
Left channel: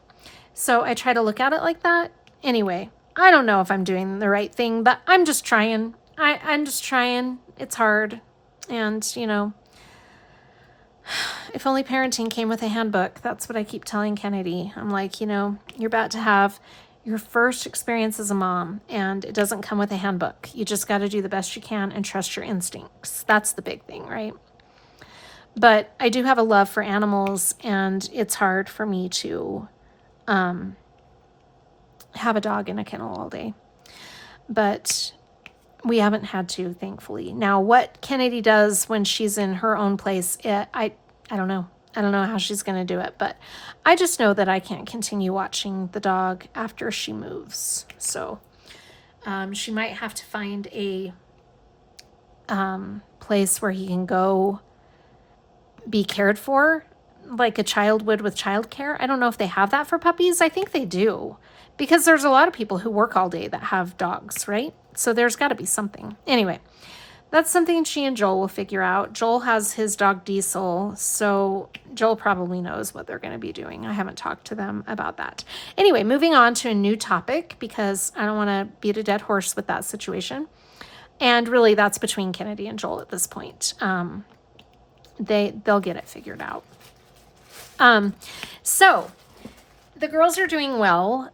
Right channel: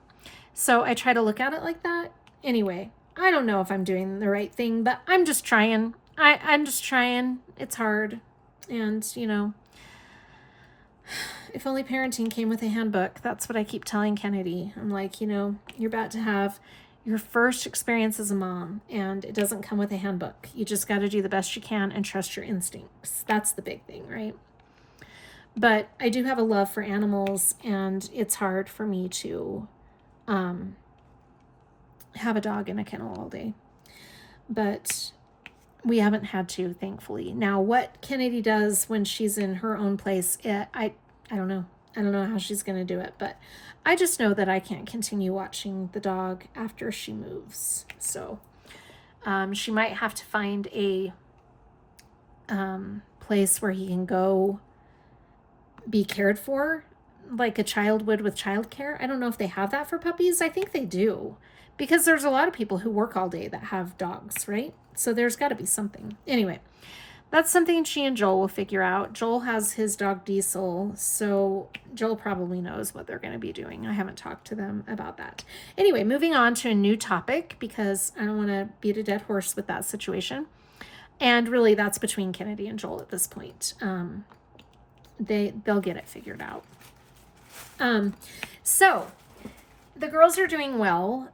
So I try to look at it like that. Anyway, I don't know if I'm doing the right thing, but I'm just trying. I'm just trying. It's hard. And, you know, if only parenting came with a handbook. That's what I keep telling Kennedy. I'm like, you know, you're about to have your first experience as a mom, and it doesn't come with a handbook. You just got to do the best you can and trust your instincts. That's the big thing, right? But I do have a love for animals, and it's hard for me to have a dog in a kennel all day. But we haven't had to, thankfully. Now, what Kennedy does when she's in her own place, I don't know. I don't know how she's going to do it, but I just know that I can't continue watching the dog after she moves. So she might have to find a place where he can go be cared for, like a child would with childcare. I don't know if they have that for puppies. I think they do, because there's a lot of people who work all day that have dogs, right? So there's got to be something. Anyway, that's something she and Joel will figure out. Joel has his dog Diesel, so Joel probably knows what they're going to be doing. I haven't talked to them about that. Anyway, moving on to a new topic, because I don't want to beat a dead horse with that situation. And really, that's between Kennedy and Joel at this point. They'll get it figured out. So the girls are doing well.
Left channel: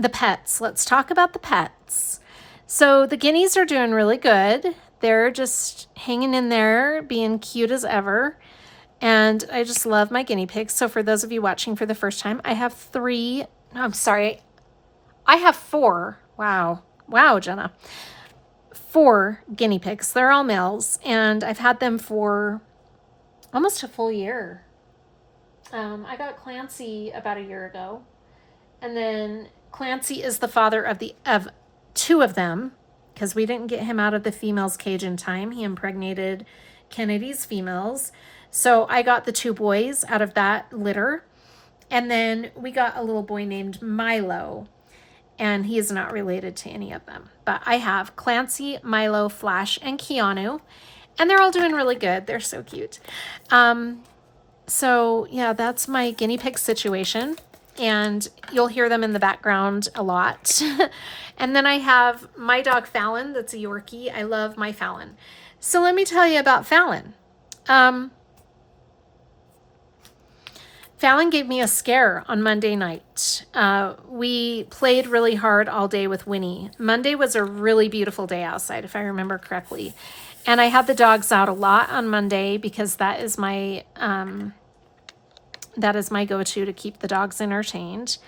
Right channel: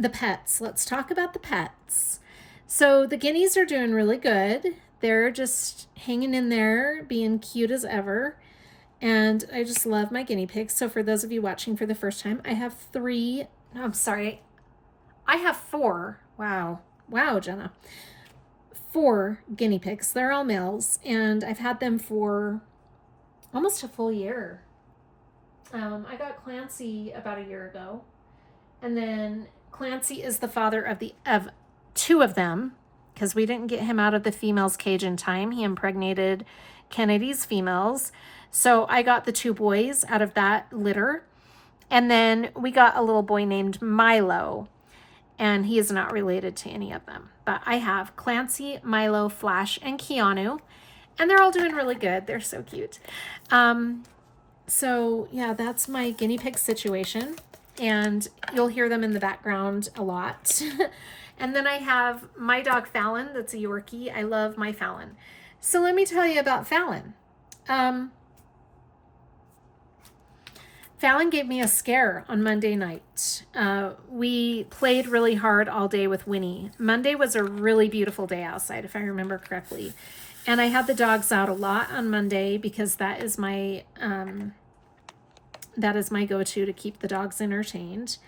The pets. Let's talk about the pets. So the guineas are doing really good. They're just hanging in there, being cute as ever. And I just love my guinea pigs. So for those of you watching for the first time, I have I have 4. Wow, Jenna. 4 guinea pigs. They're all males, and I've had them for almost a full year. I got Clancy about a year ago, and then Clancy is the father of 2 of them, because we didn't get him out of the females cage in time. He impregnated Kennedy's females. So I got the 2 boys out of that litter. And then we got a little boy named Milo, and he is not related to any of them. But I have Clancy, Milo, Flash, and Keanu, and they're all doing really good. They're so cute. So yeah, that's my guinea pig situation, and you'll hear them in the background a lot. And then I have my dog Fallon, that's a Yorkie. I love my Fallon. So let me tell you about Fallon. Fallon gave me a scare on Monday night. We played really hard all day with Winnie. Monday was a really beautiful day outside, if I remember correctly. And I had the dogs out a lot on Monday, because that is my go-to to keep the dogs entertained.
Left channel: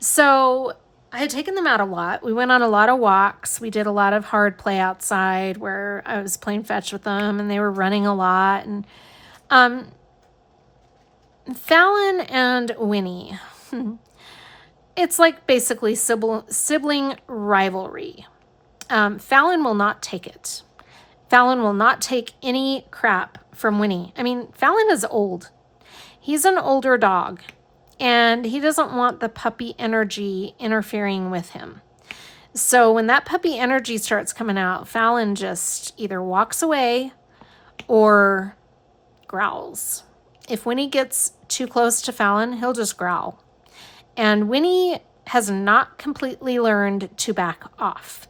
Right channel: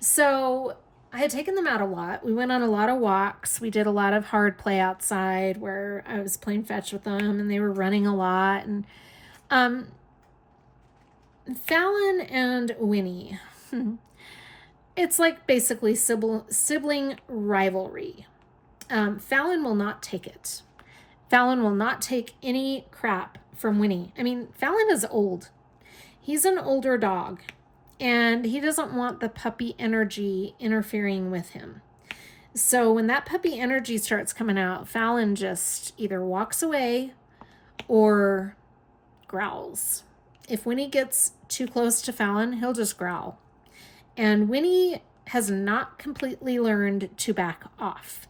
So I had taken them out a lot. We went on a lot of walks. We did a lot of hard play outside where I was playing fetch with them, and they were running a lot. And Fallon and Winnie, it's like basically sibling rivalry. Fallon will not take it. Fallon will not take any crap from Winnie. I mean, Fallon is old. He's an older dog, and he doesn't want the puppy energy interfering with him. So when that puppy energy starts coming out, Fallon just either walks away or growls. If Winnie gets too close to Fallon, he'll just growl. And Winnie has not completely learned to back off.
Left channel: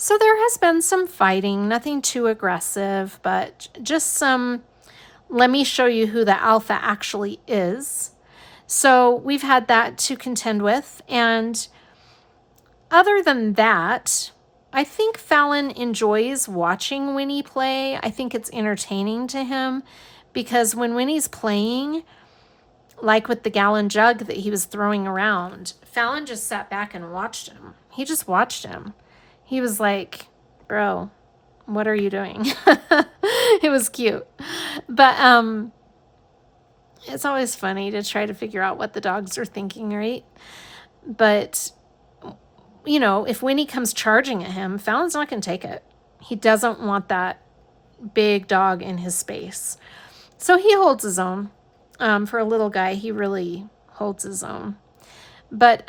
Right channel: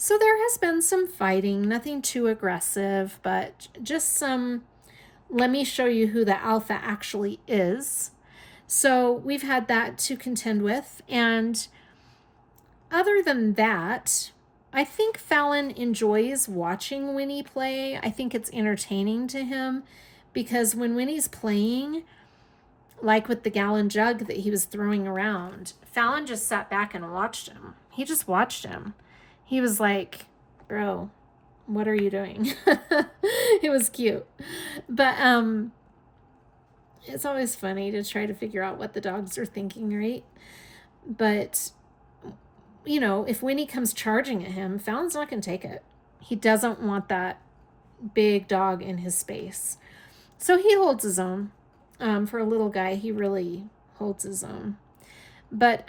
So there has been some fighting, nothing too aggressive, but just some, let me show you who the alpha actually is. So we've had that to contend with. And other than that, I think Fallon enjoys watching Winnie play. I think it's entertaining to him, because when Winnie's playing, like with the gallon jug that he was throwing around, Fallon just sat back and watched him. He just watched him. He was like, bro, what are you doing? It was cute. But it's always funny to try to figure out what the dogs are thinking, right? But, you know, if Winnie comes charging at him, Fallon's not going to take it. He doesn't want that big dog in his space. So he holds his own. For a little guy, he really holds his own. But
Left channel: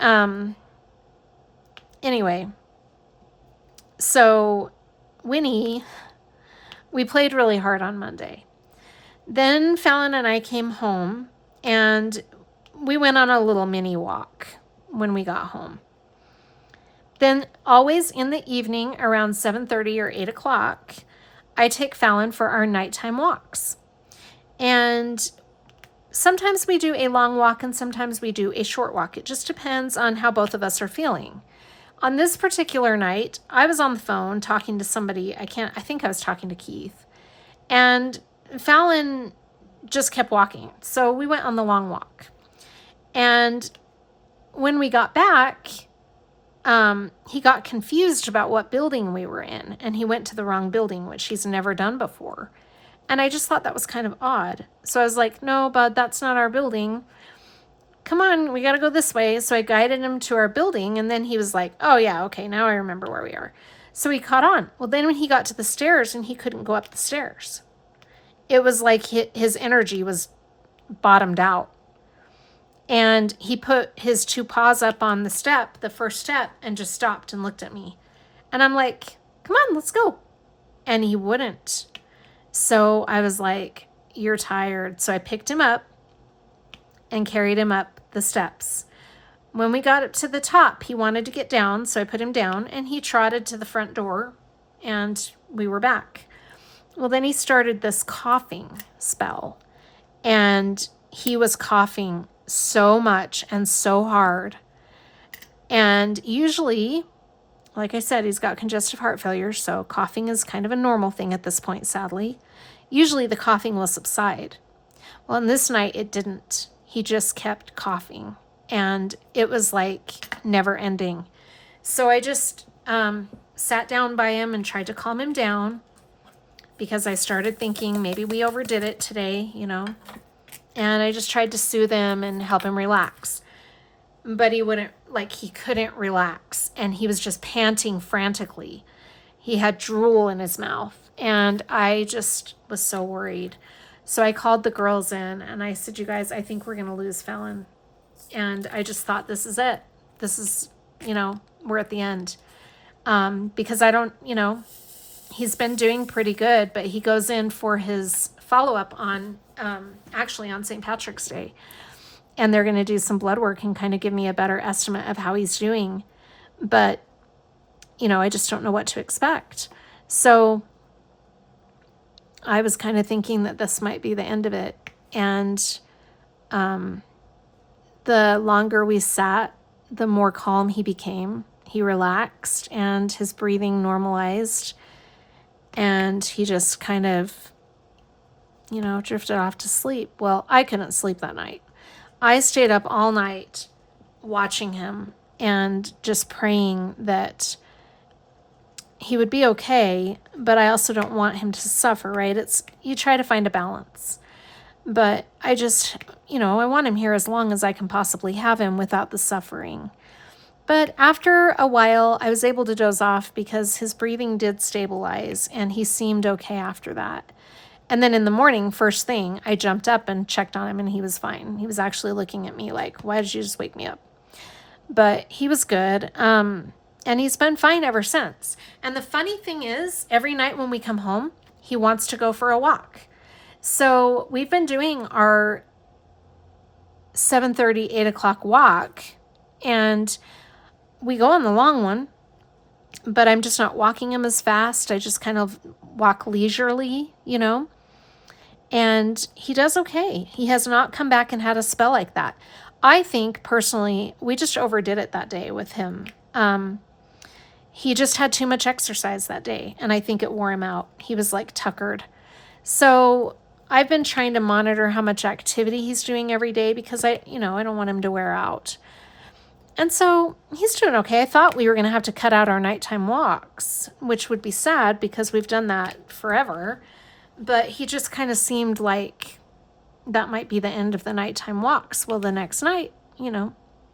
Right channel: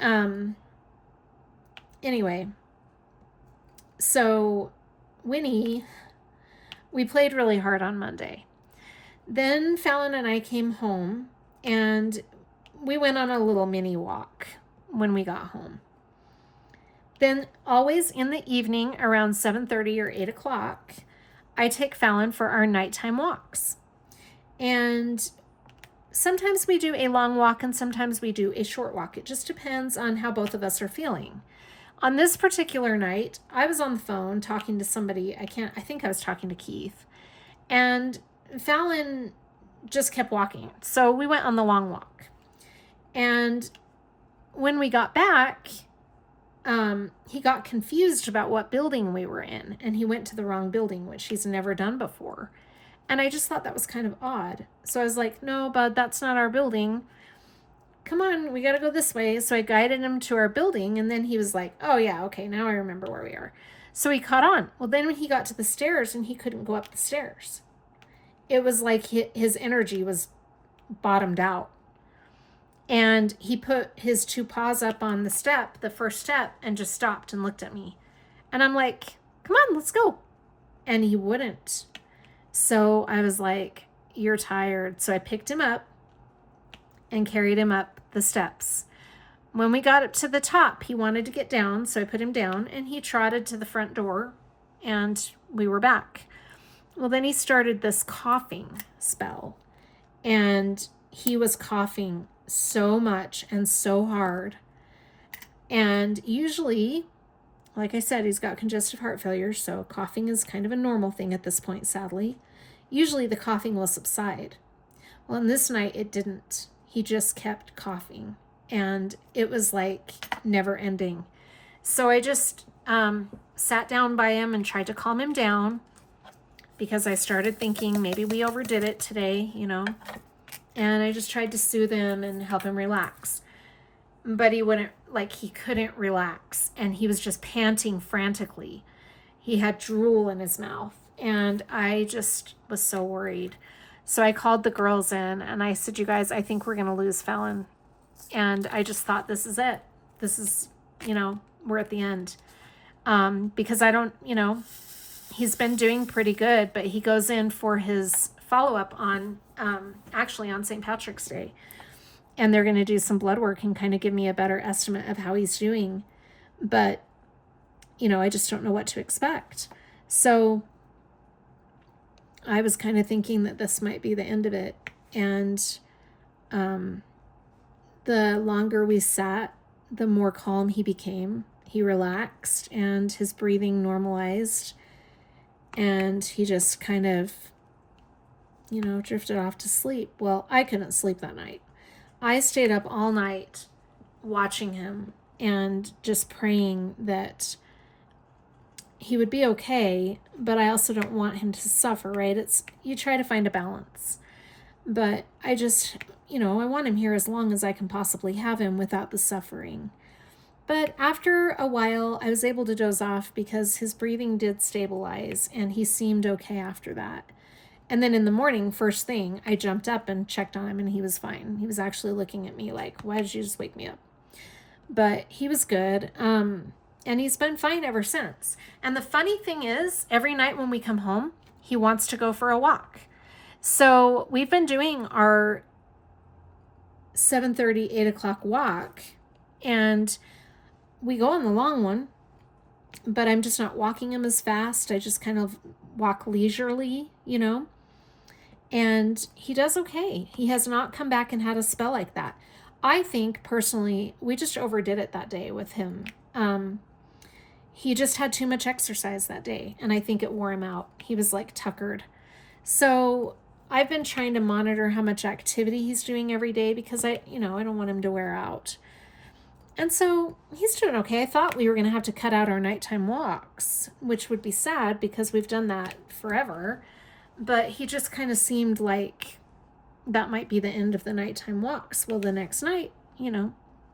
anyway, so Winnie, we played really hard on Monday. Then Fallon and I came home and we went on a little mini walk when we got home. Then always in the evening around 7:30 or 8 o'clock, I take Fallon for our nighttime walks. And sometimes we do a long walk and sometimes we do a short walk. It just depends on how both of us are feeling. On this particular night, I was on the phone talking to somebody. I think I was talking to Keith. And Fallon just kept walking. So we went on the long walk. And when we got back, he got confused about what building we were in. And he went to the wrong building, which he's never done before. And I just thought that was kind of odd. So I was like, no, bud, that's not our building. Come on, we got to go this way. So I guided him to our building. And then he was like, oh, yeah, okay, now I remember where we are. So he caught on. Well, then when he got to the stairs and he couldn't go up the stairs, it was like his energy was bottomed out. And he put his 2 paws up on the step, the first step, and just stopped and looked at me. And I'm like, come on, let's go. And he wouldn't. So I was like, you're tired. So I picked him up and carried him up the steps. When we got up to the top, he wanted to get down. So I put him down and he trotted to the front door and we were back. Well, then he started this coughing spell and he was coughing so much and so hard. And usually, like I said, he's got congestive heart failure, so coughing is kind of a normal thing at this point, sadly. Usually the coughing will subside. Well, on this night, it didn't. He just kept coughing, and it was like never ending. So I just sat down by him and tried to calm him down because I started thinking maybe we overdid it today, you know. And I just tried to soothe him and help him relax. But he couldn't relax. And he was just panting frantically. He had drool in his mouth. And I just was so worried. So I called the girls in and I said, you guys, I think we're going to lose Fallon. And I just thought, this is it. This is, we're at the end. Because I don't, he's been doing pretty good, but he goes in for his follow-up on St. Patrick's Day. And they're going to do some blood work and kind of give me a better estimate of how he's doing. But, I just don't know what to expect. So I was kind of thinking that this might be the end of it. And the longer we sat, the more calm he became. He relaxed and his breathing normalized. And he just kind of, drifted off to sleep. Well, I couldn't sleep that night. I stayed up all night watching him and just praying that he would be okay, but I also don't want him to suffer, right? You try to find a balance. But I just, I want him here as long as I can possibly have him without the suffering. But after a while, I was able to doze off because his breathing did stabilize and he seemed okay after that. And then in the morning, first thing, I jumped up and checked on him and he was fine. He was actually looking at me like, why did you just wake me up? But he was good. And he's been fine ever since. And the funny thing is, every night when we come home, he wants to go for a walk. So we've been doing our 7:30, 8 o'clock walk. And we go on the long one, but I'm just not walking him as fast. I just kind of walk leisurely, and he does okay. He has not come back and had a spell like that. I think personally, we just overdid it that day with him. He just had too much exercise that day, and I think it wore him out. He was like tuckered. So I've been trying to monitor how much activity he's doing every day because I don't want him to wear out. And so he's doing okay. I thought we were going to have to cut out our nighttime walks, which would be sad because we've done that forever. But he just kind of seemed like that might be the end of the nighttime walks. Well, the next night,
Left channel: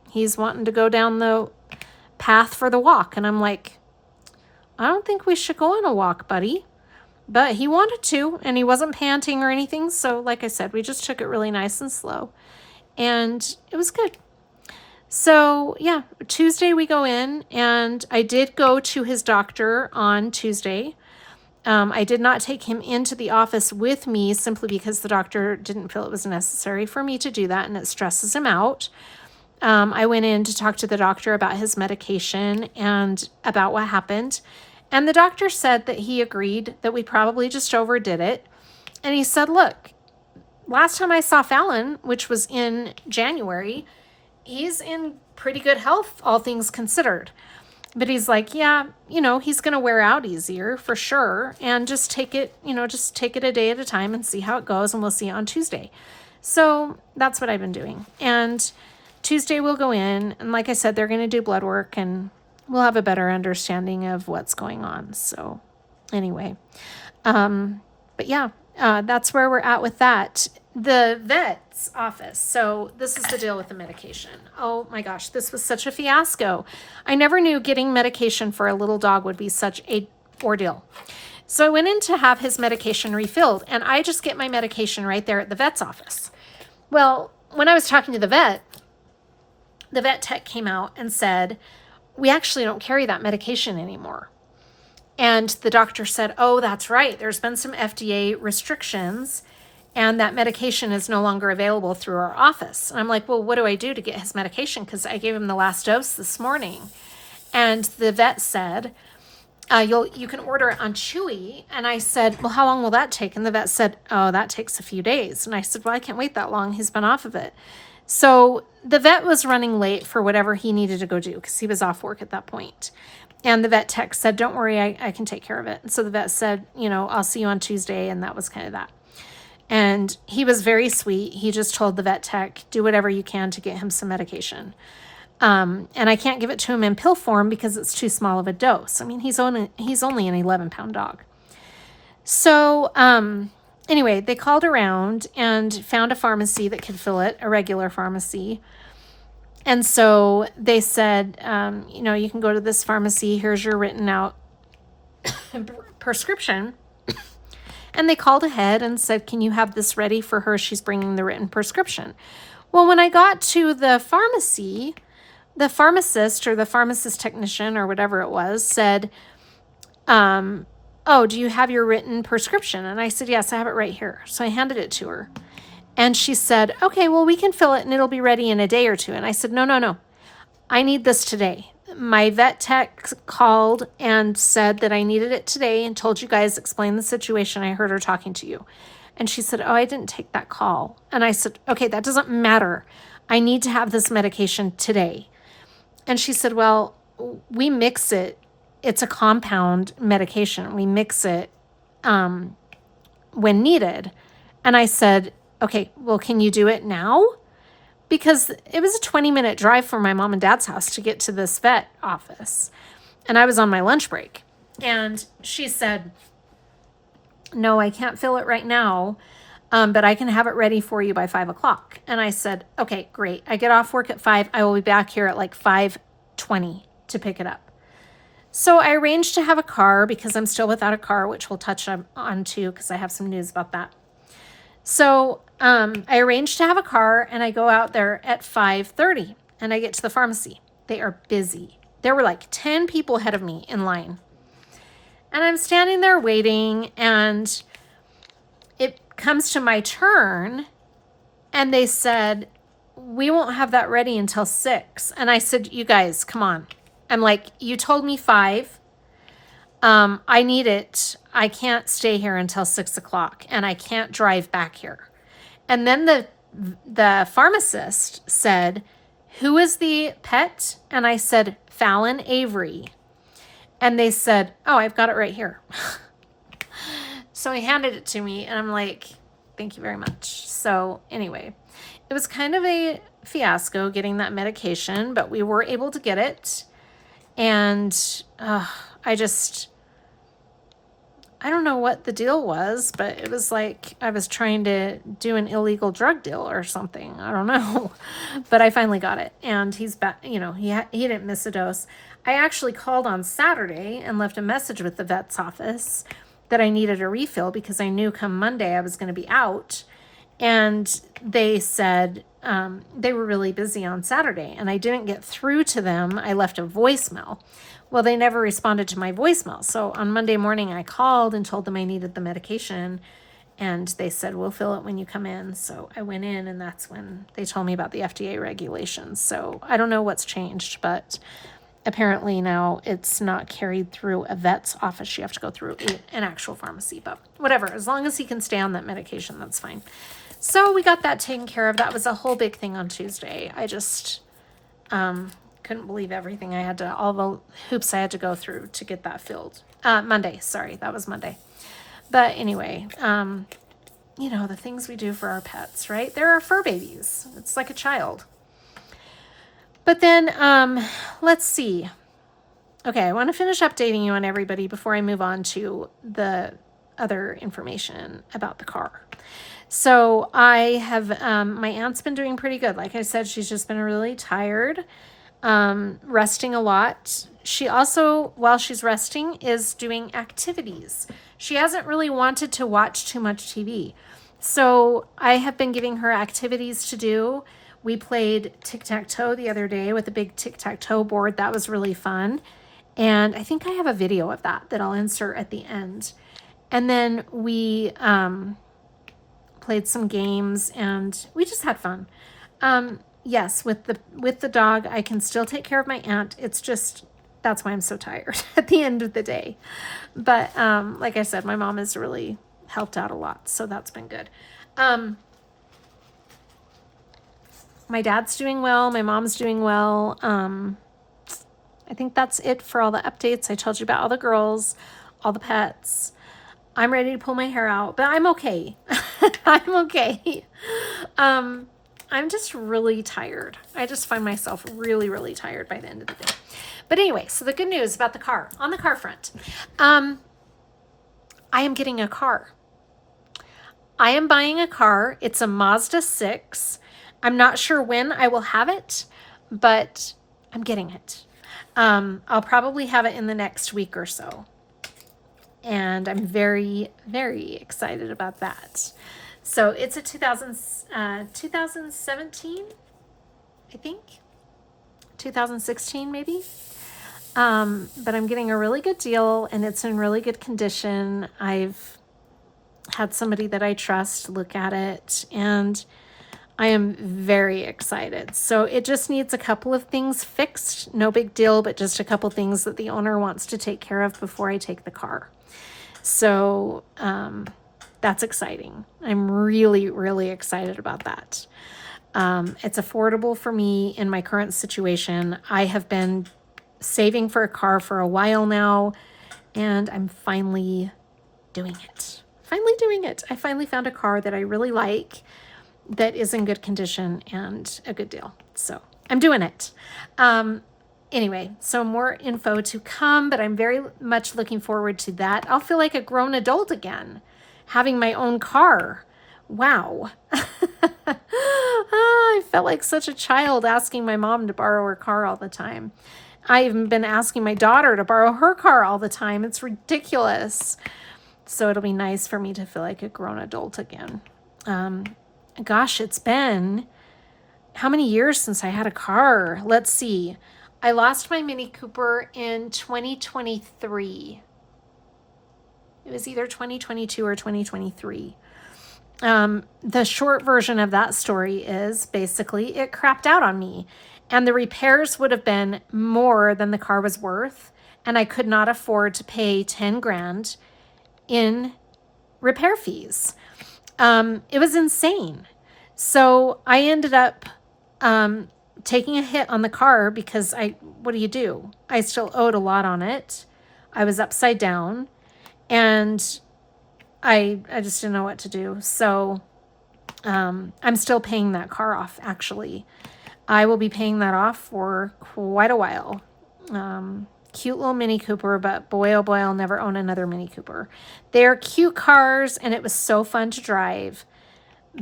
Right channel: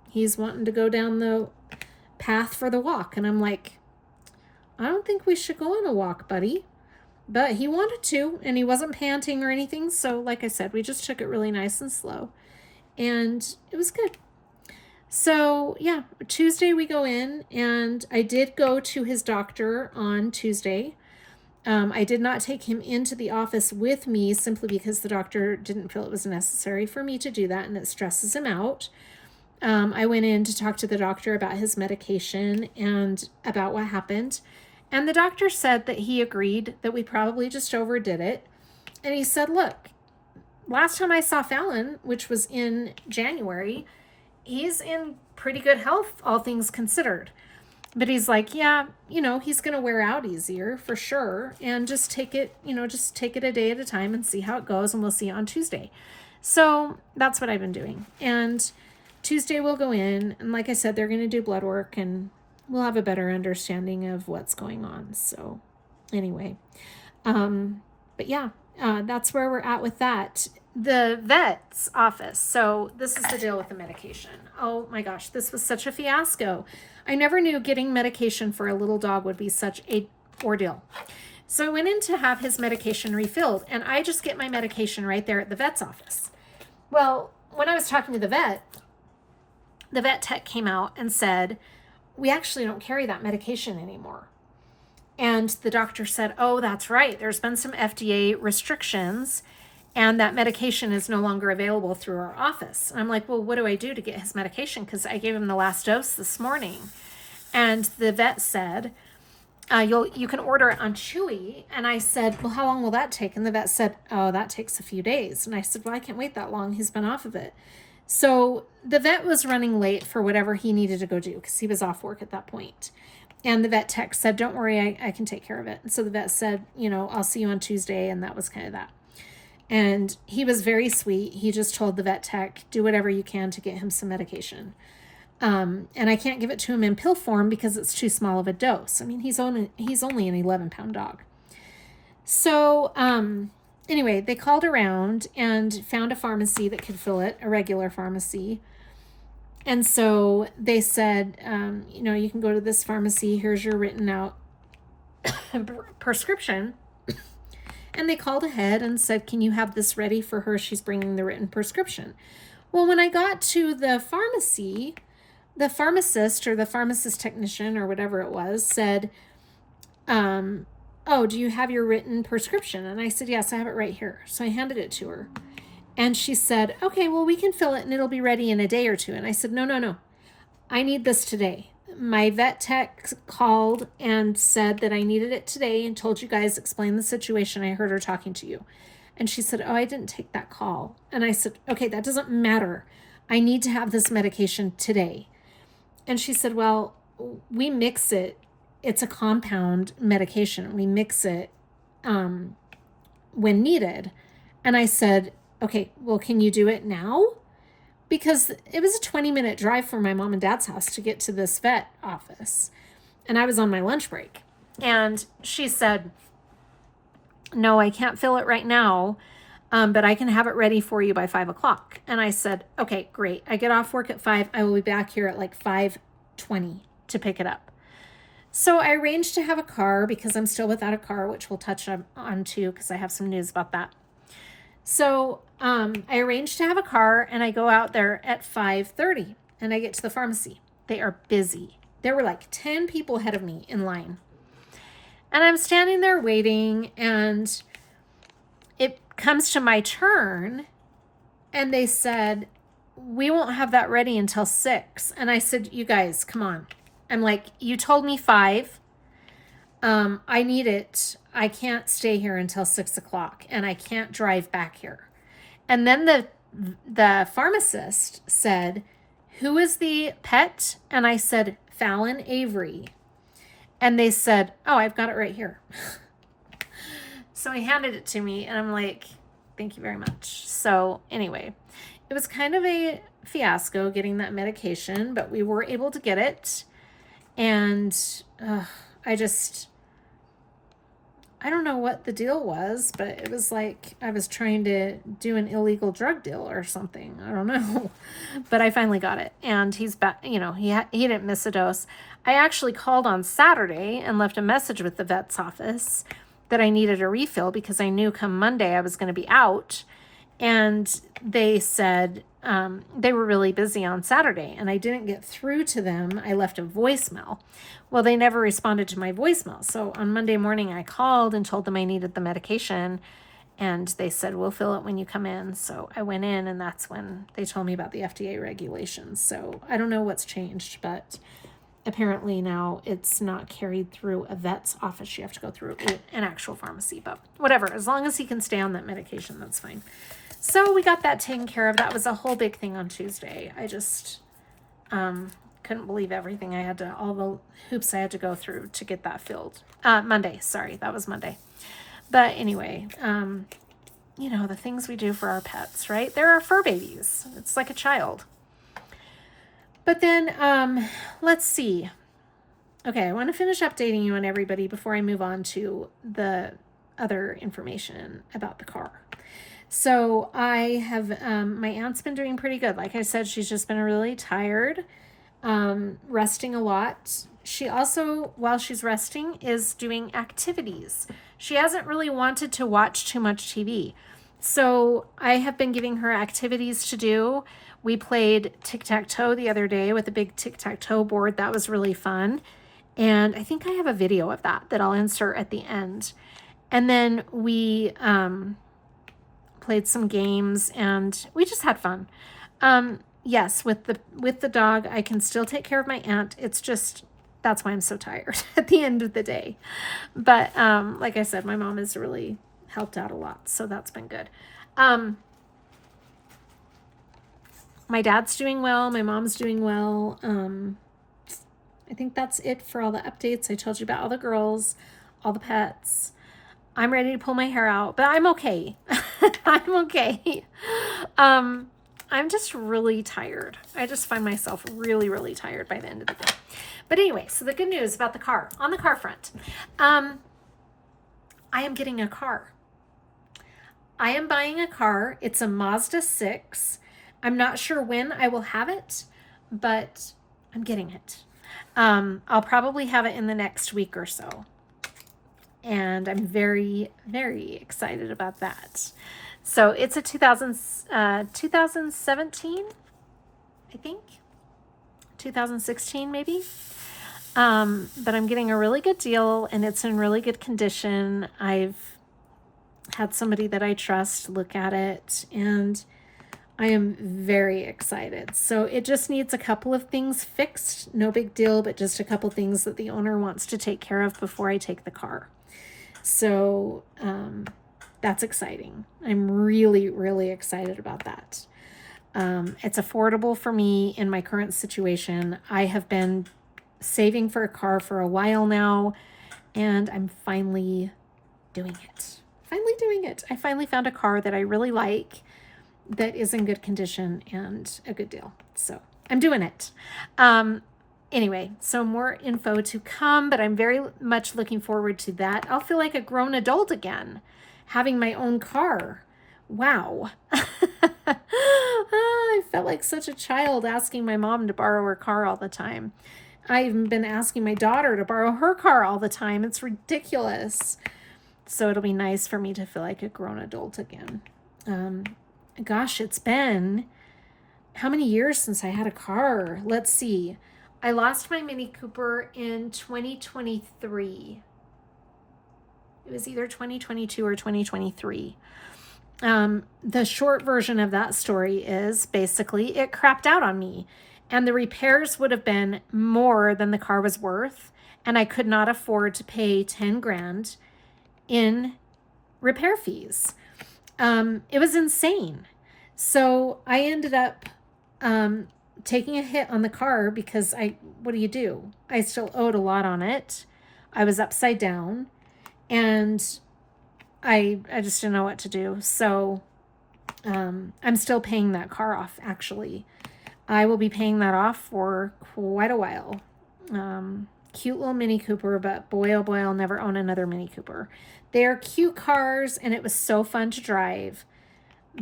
he's wanting to go down the path for the walk. And I'm like, I don't think we should go on a walk, buddy. but he wanted to, and he wasn't panting or anything. So like I said, we just took it really nice and slow, and it was good. So yeah, Tuesday we go in, and I did go to his doctor on Tuesday. I did not take him into the office with me simply because the doctor didn't feel it was necessary for me to do that, and it stresses him out. I went in to talk to the doctor about his medication and about what happened. And the doctor said that he agreed that we probably just overdid it. And he said, look, last time I saw Fallon, which was in January, he's in pretty good health, all things considered. But he's like, yeah, he's going to wear out easier for sure. And just take it, just take it a day at a time and see how it goes. And we'll see it on Tuesday. So that's what I've been doing. And Tuesday we'll go in. And like I said, they're going to do blood work, and we'll have a better understanding of what's going on. So anyway, but yeah, that's where we're at with that. The vet's office. So this is the deal with the medication. Oh my gosh, this was such a fiasco. I never knew getting medication for a little dog would be such a ordeal. So I went in to have his medication refilled, and I just get my medication right there at the vet's office. Well, when I was talking to the vet tech came out and said, we actually don't carry that medication anymore. And the doctor said, oh, that's right. There's been some FDA restrictions, and that medication is no longer available through our office. And I'm like, well, what do I do to get his medication? Because I gave him the last dose this morning. And the vet said, you can order it on Chewy. And I said, well, how long will that take? And the vet said, oh, that takes a few days. And I said, well, I can't wait that long. He's been off of it. So the vet was running late for whatever he needed to go do because he was off work at that point. And the vet tech said, don't worry, I can take care of it. And so the vet said, I'll see you on Tuesday. And that was kind of that. And he was very sweet. He just told the vet tech, do whatever you can to get him some medication. And I can't give it to him in pill form because it's too small of a dose. I mean, he's only an 11-pound dog. So anyway, they called around and found a pharmacy that could fill it, a regular pharmacy. And so they said, you can go to this pharmacy. Here's your written out prescription. And they called ahead and said, can you have this ready for her? She's bringing the written prescription. Well, when I got to the pharmacy, the pharmacist or the pharmacist technician or whatever it was said, oh, do you have your written prescription? And I said, yes, I have it right here. So I handed it to her. And she said, okay, well, we can fill it and it'll be ready in a day or two. And I said, no. I need this today. My vet tech called and said that I needed it today and told you guys, explain the situation. I heard her talking to you. And she said, oh, I didn't take that call. And I said, okay, that doesn't matter. I need to have this medication today. And she said, well, we mix it. It's a compound medication. We mix it when needed. And I said, okay, well, can you do it now? Because it was a 20-minute drive from my mom and dad's house to get to this vet office. And I was on my lunch break. And she said, no, I can't fill it right now, but I can have it ready for you by 5 o'clock. And I said, okay, great. I get off work at 5. I will be back here at like 5:20 to pick it up. So I arranged to have a car because I'm still without a car, which we'll touch on too because I have some news about that. So I arranged to have a car, and I go out there at 5:30, and I get to the pharmacy. They are busy. There were like 10 people ahead of me in line. And I'm standing there waiting, and it comes to my turn, and they said, we won't have that ready until 6. And I said, you guys, come on. I'm like, you told me 5. I need it. I can't stay here until 6 o'clock, and I can't drive back here. And then the pharmacist said, who is the pet? And I said, Fallon Avery. And they said, oh, I've got it right here. So he handed it to me, and I'm like, thank you very much. So anyway, it was kind of a fiasco getting that medication, but we were able to get it. And I don't know what the deal was, but it was like I was trying to do an illegal drug deal or something. I don't know. But I finally got it. And he's back, he didn't miss a dose. I actually called on Saturday and left a message with the vet's office that I needed a refill because I knew come Monday I was going to be out. And they said they were really busy on Saturday and I didn't get through to them. I left a voicemail. Well, they never responded to my voicemail. So on Monday morning, I called and told them I needed the medication. And they said, we'll fill it when you come in. So I went in and that's when they told me about the FDA regulations. So I don't know what's changed, but apparently now it's not carried through a vet's office. You have to go through an actual pharmacy, but whatever. As long as he can stay on that medication, that's fine. So we got that taken care of. That was a whole big thing on Tuesday. I just couldn't believe everything I had to, all the hoops I had to go through to get that filled. Monday, sorry, that was Monday. But anyway, you know, the things we do for our pets, right? They're our fur babies. It's like a child. But then, let's see. Okay, I want to finish updating you on everybody before I move on to the other information about the car. So I have, my aunt's been doing pretty good. Like I said, she's just been really tired, resting a lot. She also, while she's resting, is doing activities. She hasn't really wanted to watch too much TV. So I have been giving her activities to do. We played tic-tac-toe the other day with a big tic-tac-toe board. That was really fun. And I think I have a video of that I'll insert at the end. And then we played some games and we just had fun. Yes, with the dog, I can still take care of my aunt. It's just, that's why I'm so tired at the end of the day. But like I said, my mom has really helped out a lot. So that's been good. My dad's doing well. My mom's doing well. I think that's it for all the updates. I told you about all the girls, all the pets. I'm ready to pull my hair out, but I'm okay. I'm okay. I'm just really tired. I just find myself really, really tired by the end of the day. But anyway, so the good news about the car, on the car front, I am getting a car. I am buying a car. It's a Mazda 6. I'm not sure when I will have it, but I'm getting it. I'll probably have it in the next week or so. And I'm very, very excited about that. So it's a 2017, I think. 2016 maybe. But I'm getting a really good deal and it's in really good condition. I've had somebody that I trust look at it and I am very excited. So it just needs a couple of things fixed. No big deal, but just a couple things that the owner wants to take care of before I take the car. So that's exciting. I'm really, really excited about that. It's affordable for me in my current situation. I have been saving for a car for a while now, and I'm finally doing it. I finally found a car that I really like, that is in good condition and a good deal. So I'm doing it. Anyway, so more info to come, but I'm very much looking forward to that. I'll feel like a grown adult again, having my own car. Wow. I felt like such a child asking my mom to borrow her car all the time. I've been asking my daughter to borrow her car all the time. It's ridiculous. So it'll be nice for me to feel like a grown adult again. Gosh, it's been how many years since I had a car? Let's see. I lost my Mini Cooper in 2023. It was either 2022 or 2023. The short version of that story is basically it crapped out on me and the repairs would have been more than the car was worth. And I could not afford to pay 10 grand in repair fees. It was insane. So I ended up taking a hit on the car because what do? I still owed a lot on it. I was upside down and I just didn't know what to do. So I'm still paying that car off, actually. I will be paying that off for quite a while. Cute little Mini Cooper, but boy, oh boy, I'll never own another Mini Cooper. They're cute cars and it was so fun to drive.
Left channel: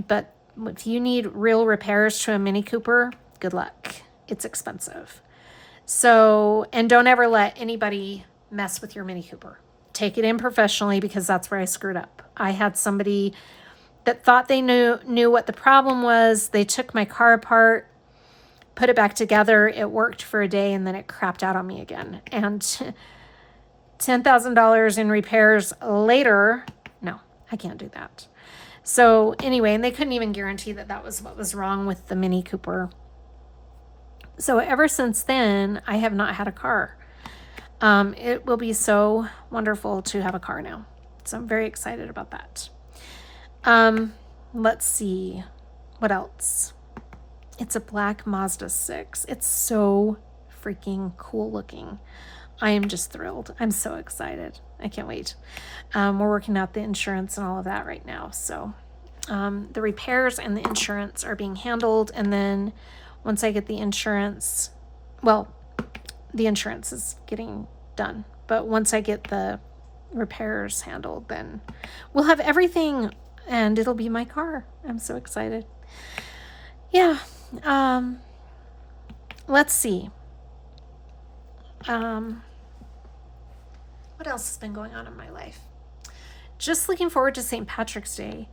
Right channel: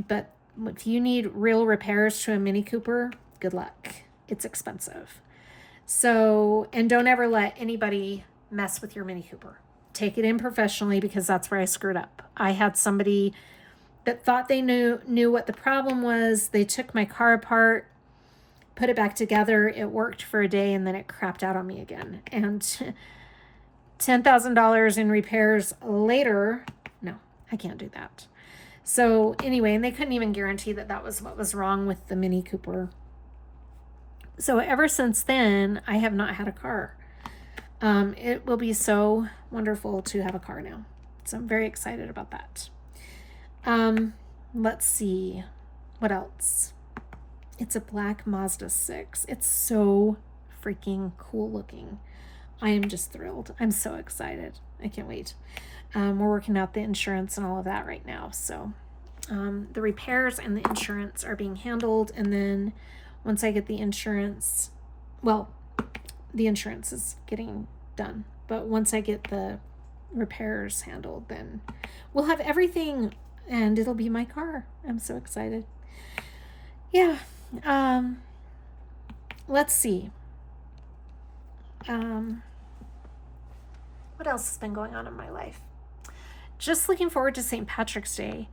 But if you need real repairs to a Mini Cooper, good luck. It's expensive. So, and don't ever let anybody mess with your Mini Cooper. take it in professionally, because that's where I screwed up. I had somebody that thought they knew what the problem was. They took my car apart, put it back together. It worked for a day, and then it crapped out on me again. And $10,000 in repairs later, no, I can't do that. So anyway, and they couldn't even guarantee that that was what was wrong with the Mini Cooper. So ever since then, I have not had a car. It will be so wonderful to have a car now. So I'm very excited about that. Let's see. What else? It's a black Mazda 6. It's so freaking cool looking. I am just thrilled. I'm so excited. I can't wait. We're working out the insurance and all of that right now. So the repairs and the insurance are being handled. And then once I get the insurance, well, the insurance is getting done. But once I get the repairs handled, then we'll have everything and it'll be my car. I'm so excited. Yeah. Let's see. What else has been going on in my life? Just looking forward to St. Patrick's Day.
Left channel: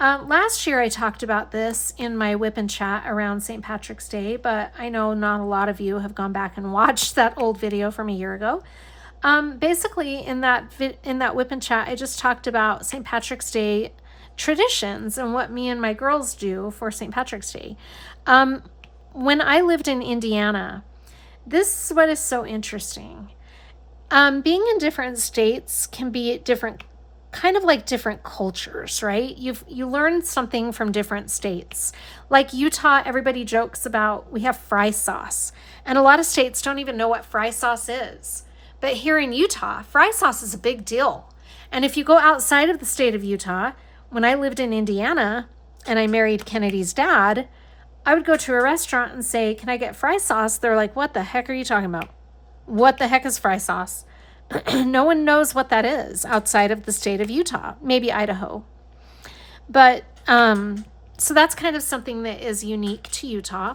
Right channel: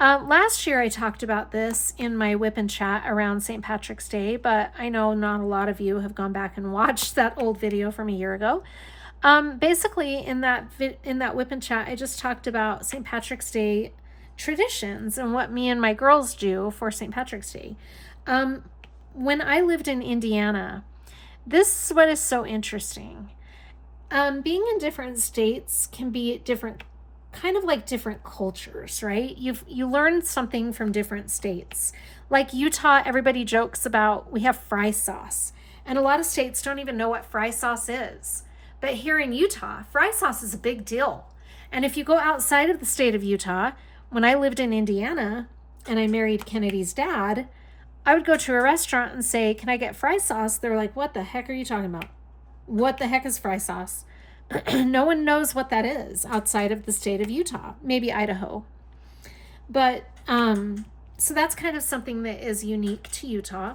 Last year I talked about this in my WIP N Chat around St. Patrick's Day, but I know not a lot of you have gone back and watched that old video from a year ago. Basically in that WIP N Chat, I just talked about St. Patrick's Day traditions and what me and my girls do for St. Patrick's Day. When I lived in Indiana, this is what is so interesting. Being in different states can be different, kind of like different cultures, right? You learn something from different states. Like Utah, everybody jokes about we have fry sauce, and a lot of states don't even know what fry sauce is. But here in Utah, fry sauce is a big deal. And if you go outside of the state of Utah, when I lived in Indiana and I married Kennedy's dad, I would go to a restaurant and say, "Can I get fry sauce?" They're like, "What the heck are you talking about? What the heck is fry sauce?" No one knows what that is outside of the state of Utah, maybe Idaho. But so that's kind of something that is unique to Utah.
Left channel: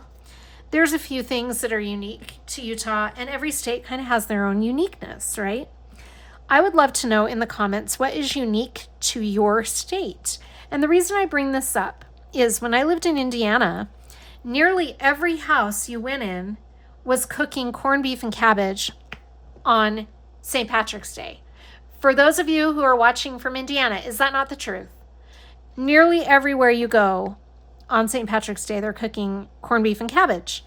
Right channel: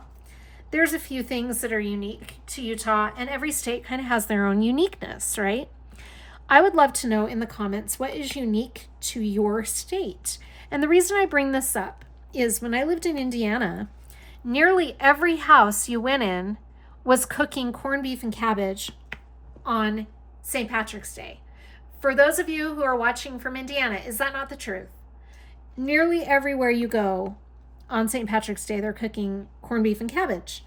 There's a few things that are unique to Utah, and every state kind of has their own uniqueness, right? I would love to know in the comments what is unique to your state. And the reason I bring this up is when I lived in Indiana, nearly every house you went in was cooking corned beef and cabbage on St. Patrick's Day. For those of you who are watching from Indiana, is that not the truth? Nearly everywhere you go on St. Patrick's Day, they're cooking corned beef and cabbage.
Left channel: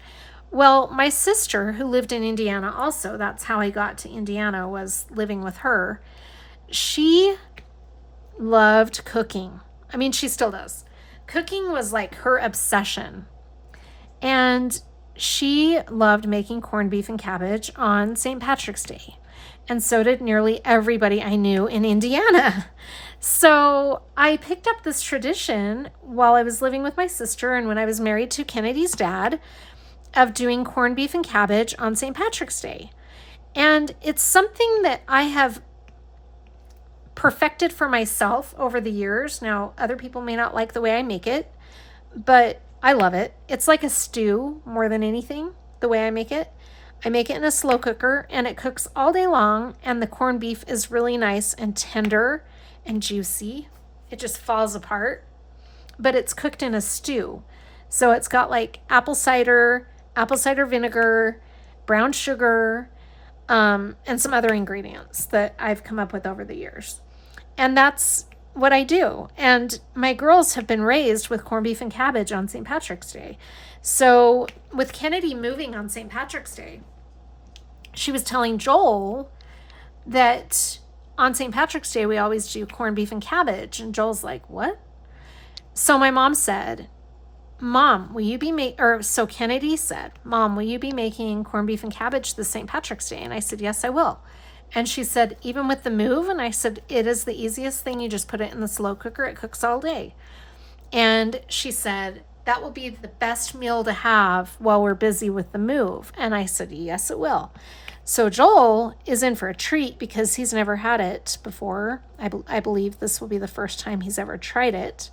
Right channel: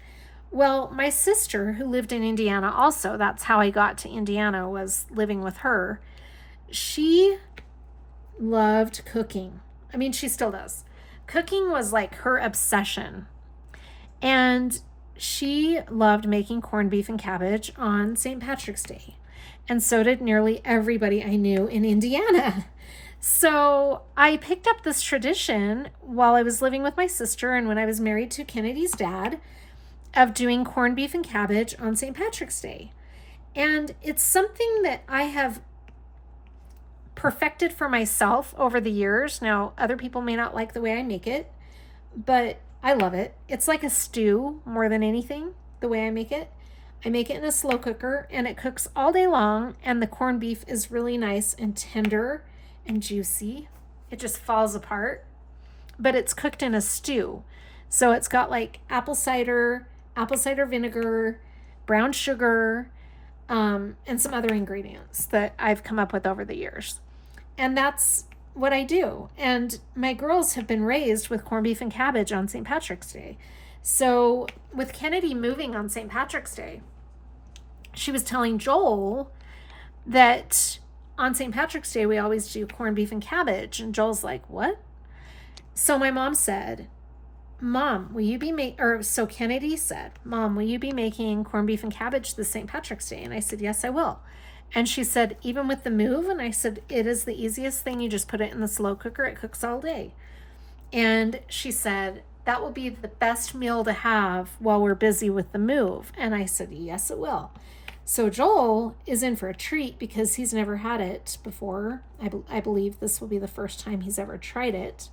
Well, my sister, who lived in Indiana also, that's how I got to Indiana, was living with her. She loved cooking. I mean, she still does. Cooking was like her obsession. And she loved making corned beef and cabbage on St. Patrick's Day. And so did nearly everybody I knew in Indiana. So I picked up this tradition while I was living with my sister and when I was married to Kennedy's dad of doing corned beef and cabbage on St. Patrick's Day. And it's something that I have perfected for myself over the years. Now, other people may not like the way I make it, but I love it. It's like a stew more than anything, the way I make it. I make it in a slow cooker and it cooks all day long, and the corned beef is really nice and tender and juicy. It just falls apart, but it's cooked in a stew. So it's got like apple cider vinegar, brown sugar, and some other ingredients that I've come up with over the years. And that's what I do. And my girls have been raised with corned beef and cabbage on St. Patrick's Day. So with Kennedy moving on St. Patrick's Day, she was telling Joel that on St. Patrick's Day, we always do corned beef and cabbage. And Joel's like, "What?" So my mom said, "Mom, will you be so Kennedy said, "Mom, will you be making corned beef and cabbage this St. Patrick's Day?" And I said, "Yes, I will." And she said, "Even with the move?" And I said, "It is the easiest thing. You just put it in the slow cooker. It cooks all day." And she said, "That will be the best meal to have while we're busy with the move." And I said, "Yes, it will." So Joel is in for a treat because he's never had it before. I believe this will be the first time he's ever tried it.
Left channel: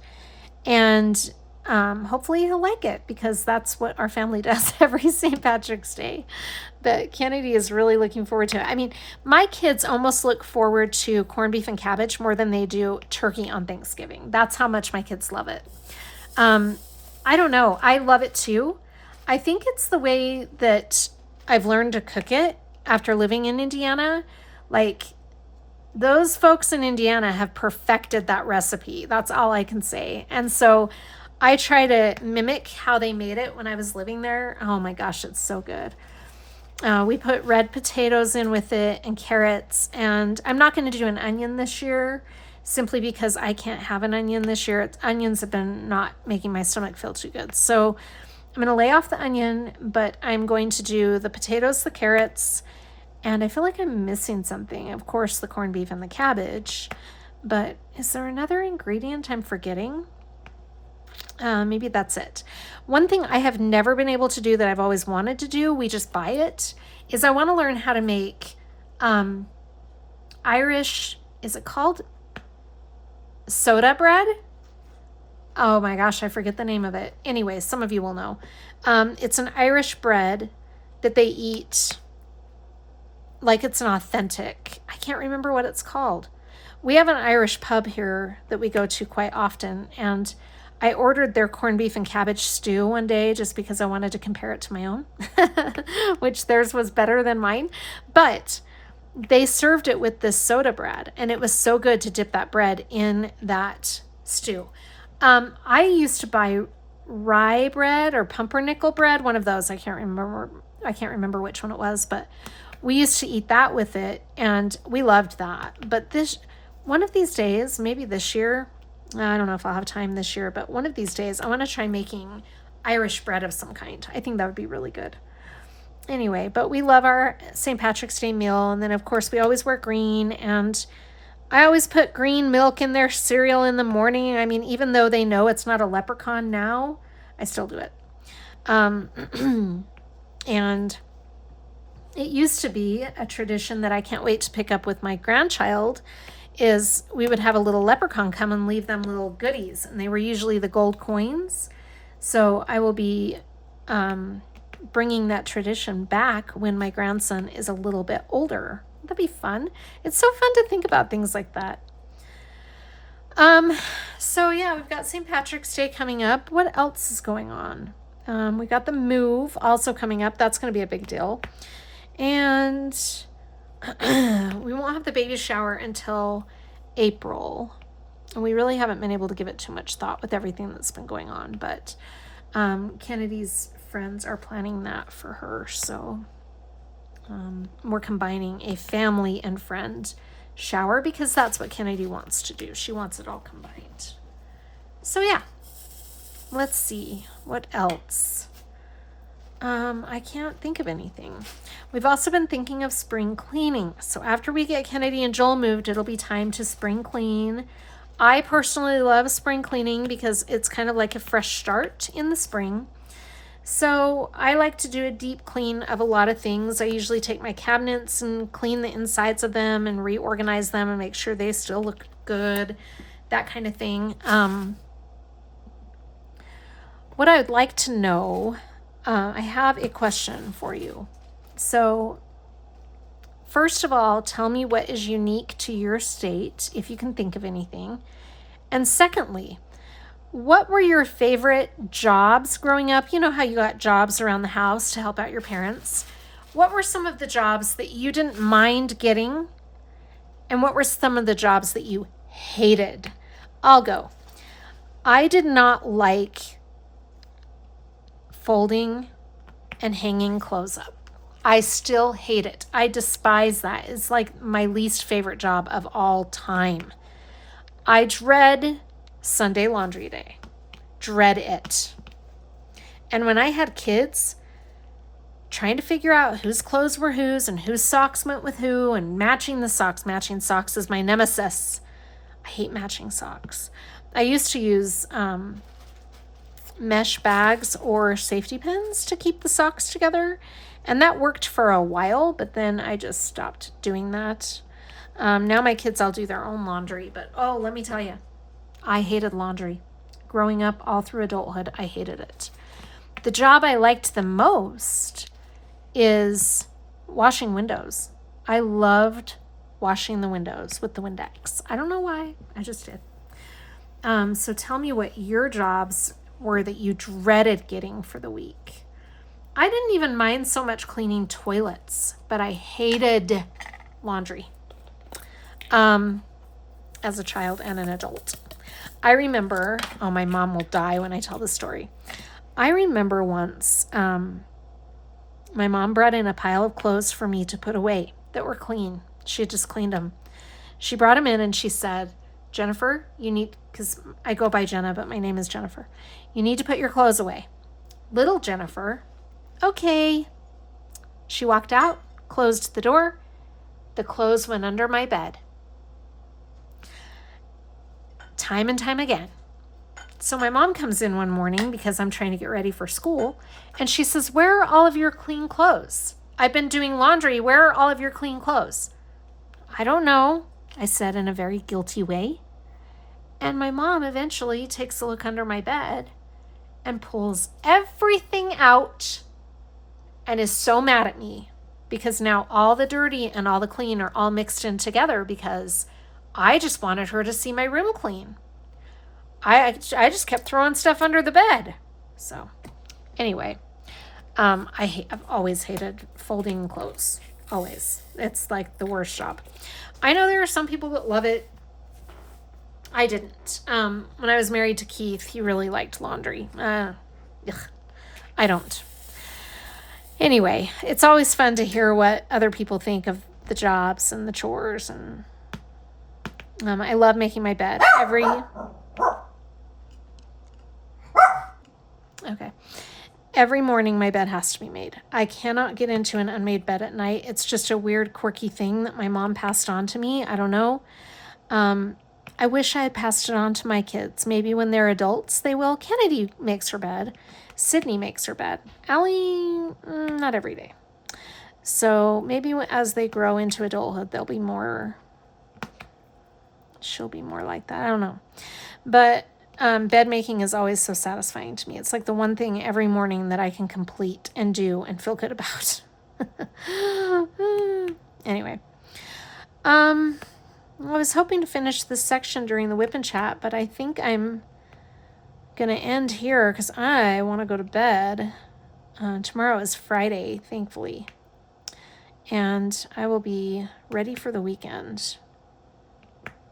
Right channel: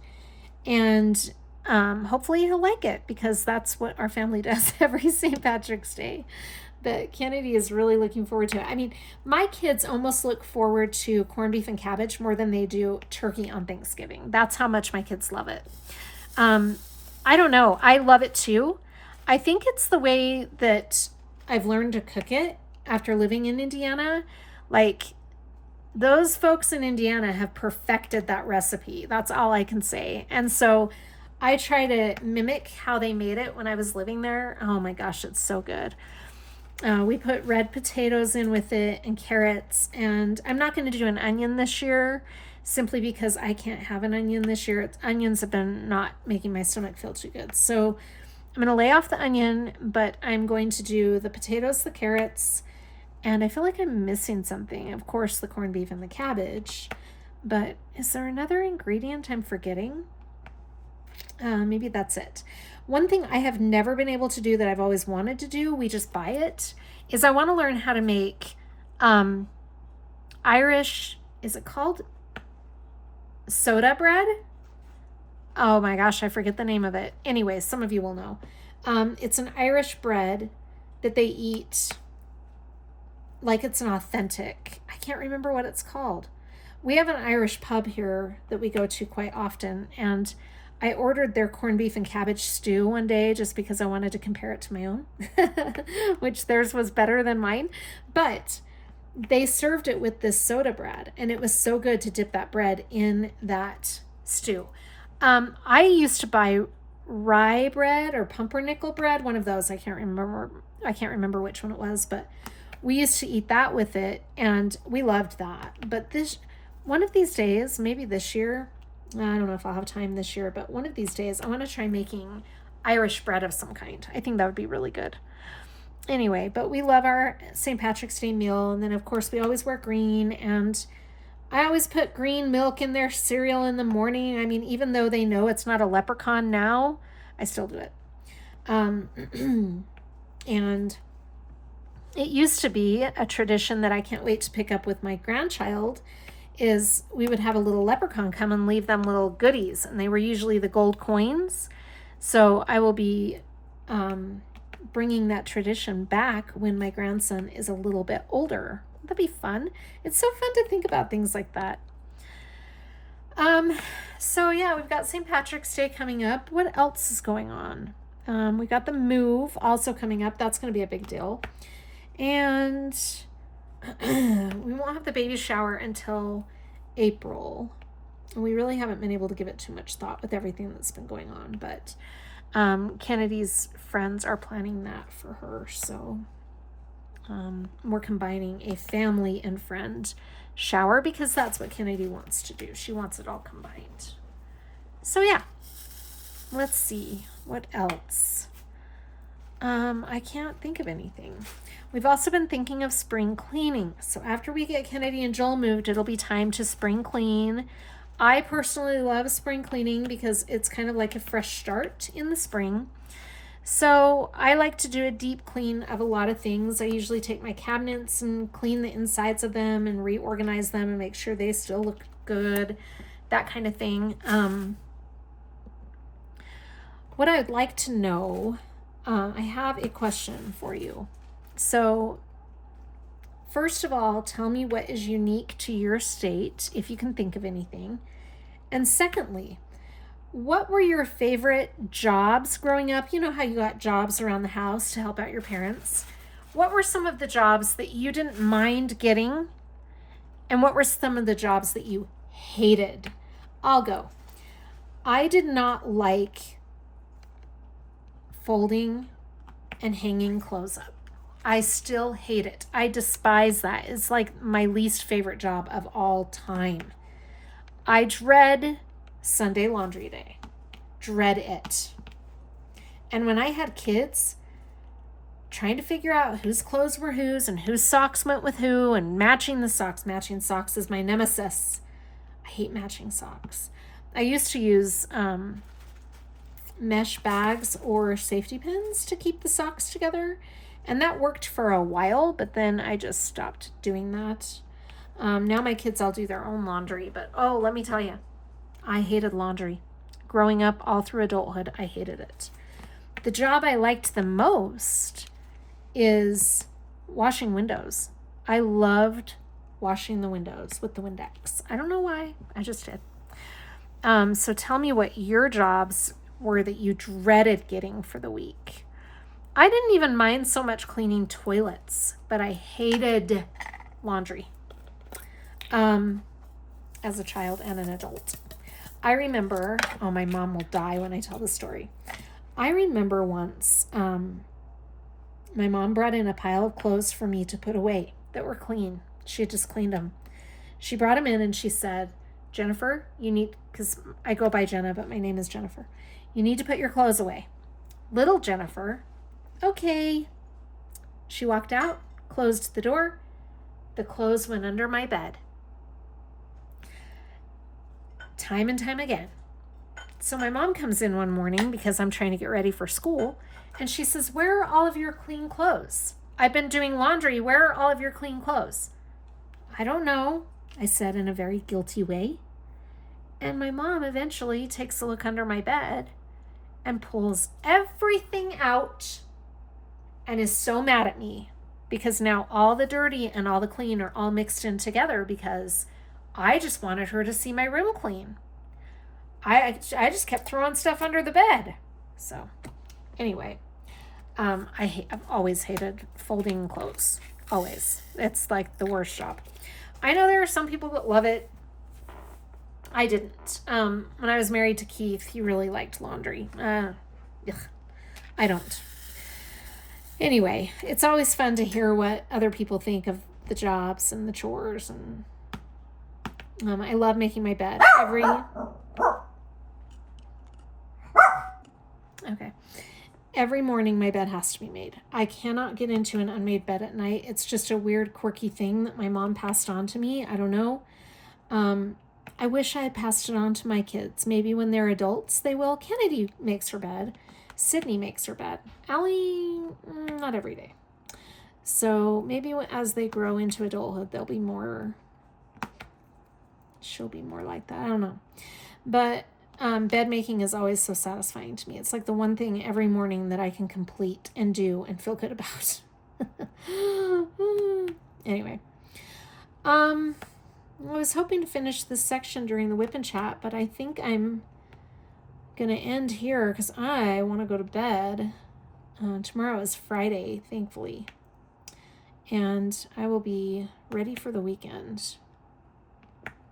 And hopefully he'll like it, because that's what our family does every St. Patrick's Day. But Kennedy is really looking forward to it. I mean, my kids almost look forward to corned beef and cabbage more than they do turkey on Thanksgiving. That's how much my kids love it. I don't know. I love it too. I think it's the way that I've learned to cook it after living in Indiana. Like, those folks in Indiana have perfected that recipe. That's all I can say. And so I try to mimic how they made it when I was living there. Oh my gosh, it's so good. We put red potatoes in with it and carrots, and I'm not going to do an onion this year simply because I can't have an onion this year. Onions have been not making my stomach feel too good. So I'm going to lay off the onion, but I'm going to do the potatoes, the carrots, and I feel like I'm missing something. Of course, the corned beef and the cabbage, but is there another ingredient I'm forgetting? Maybe that's it. One thing I have never been able to do that I've always wanted to do, we just buy it, is I want to learn how to make Irish, is it called soda bread? Oh my gosh, I forget the name of it. Anyway, some of you will know. It's an Irish bread that they eat like it's an authentic. I can't remember what it's called. We have an Irish pub here that we go to quite often, and I ordered their corned beef and cabbage stew one day just because I wanted to compare it to my own, which theirs was better than mine. But they served it with this soda bread, and it was so good to dip that bread in that stew. I used to buy rye bread or pumpernickel bread, one of those. I can't remember which one it was, but we used to eat that with it, and we loved that. But one of these days, maybe this year, I don't know if I'll have time this year, but one of these days I want to try making Irish bread of some kind. I think that would be really good. Anyway, but we love our St. Patrick's Day meal. And then, of course, we always wear green. And I always put green milk in their cereal in the morning. I mean, even though they know it's not a leprechaun now, I still do it. And it used to be a tradition that I can't wait to pick up with my grandchild, is we would have a little leprechaun come and leave them little goodies, and they were usually the gold coins. So I will be bringing that tradition back when my grandson is a little bit older. That'd be fun. It's so fun to think about things like that. So yeah, we've got St. Patrick's Day coming up. What else is going on? We got the move also coming up. That's going to be a big deal. And we won't have the baby shower until April. We really haven't been able to give it too much thought with everything that's been going on, but Kennedy's friends are planning that for her. So we're combining a family and friend shower because that's what Kennedy wants to do. She wants it all combined. So yeah, let's see what else. I can't think of anything. We've also been thinking of spring cleaning. So after we get Kennedy and Joel moved, it'll be time to spring clean. I personally love spring cleaning because it's kind of like a fresh start in the spring. So I like to do a deep clean of a lot of things. I usually take my cabinets and clean the insides of them and reorganize them and make sure they still look good, that kind of thing. What I would like to know, I have a question for you. So first of all, tell me what is unique to your state, if you can think of anything. And secondly, what were your favorite jobs growing up? You know how you got jobs around the house to help out your parents. What were some of the jobs that you didn't mind getting? And what were some of the jobs that you hated? I'll go. I did not like folding and hanging clothes up. I still hate it. I despise that. It's like my least favorite job of all time. I dread Sunday laundry day. Dread it. And when I had kids, trying to figure out whose clothes were whose and whose socks went with who and matching the socks. Matching socks is my nemesis. I hate matching socks. I used to use mesh bags or safety pins to keep the socks together. And that worked for a while, but then I just stopped doing that. Now my kids all do their own laundry, but oh, let me tell you, I hated laundry. growing up all through adulthood, I hated it. The job I liked the most is washing windows. I loved washing the windows with the Windex. I don't know why, I just did. So tell me what your jobs were that you dreaded getting for the week. I didn't even mind so much cleaning toilets, but I hated laundry as a child and an adult. I remember, oh, my mom will die when I tell this story. I remember once my mom brought in a pile of clothes for me to put away that were clean. She had just cleaned them. She brought them in and she said, Jennifer, you need, because I go by Jenna, but my name is Jennifer. You need to put your clothes away. Little Jennifer, okay. She walked out, closed the door. The clothes went under my bed. Time and time again. So my mom comes in one morning because I'm trying to get ready for school, and she says, where are all of your clean clothes? I've been doing laundry. Where are all of your clean clothes? I don't know, I said in a very guilty way. And my mom eventually takes a look under my bed and pulls everything out and is so mad at me because now all the dirty and all the clean are all mixed in together because I just wanted her to see my room clean. I just kept throwing stuff under the bed. So anyway, I've always hated folding clothes. Always. It's like the worst job. I know there are some people that love it. I didn't. When I was married to Keith, he really liked laundry. I don't. Anyway, it's always fun to hear what other people think of the jobs and the chores. And I love making my bed Every morning my bed has to be made. I cannot get into an unmade bed at night. It's just a weird, quirky thing that my mom passed on to me. I don't know. I wish I had passed it on to my kids. Maybe when they're adults, they will. Kennedy makes her bed. Sydney makes her bed. Allie, not every day. So maybe as they grow into adulthood, she'll be more like that. I don't know. But bed making is always so satisfying to me. It's like the one thing every morning that I can complete and do and feel good about. Anyway, I was hoping to finish this section during the WIP N Chat, but I think I'm going to end here because I want to go to bed. Tomorrow is Friday, thankfully. And I will be ready for the weekend.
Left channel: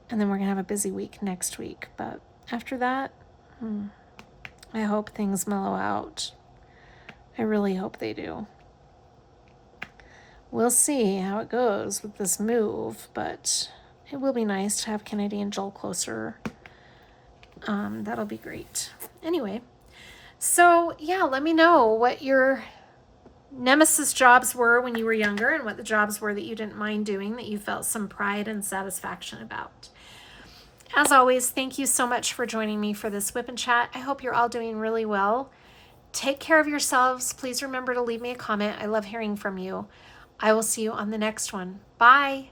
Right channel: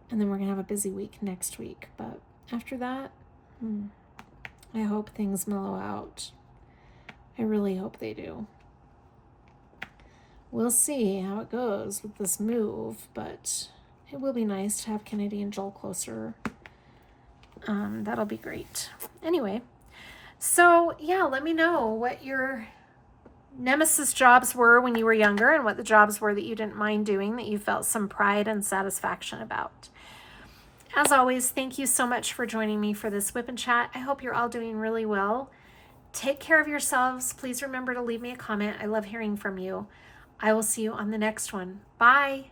And then we're going to have a busy week next week. But after that, I hope things mellow out. I really hope they do. We'll see how it goes with this move, but it will be nice to have Kennedy and Joel closer. That'll be great. Anyway, so yeah, let me know what your nemesis jobs were when you were younger and what the jobs were that you didn't mind doing, that you felt some pride and satisfaction about. As always, thank you so much for joining me for this WIP N Chat. I hope you're all doing really well. Take care of yourselves. Please remember to leave me a comment. I love hearing from you. I will see you on the next one. Bye.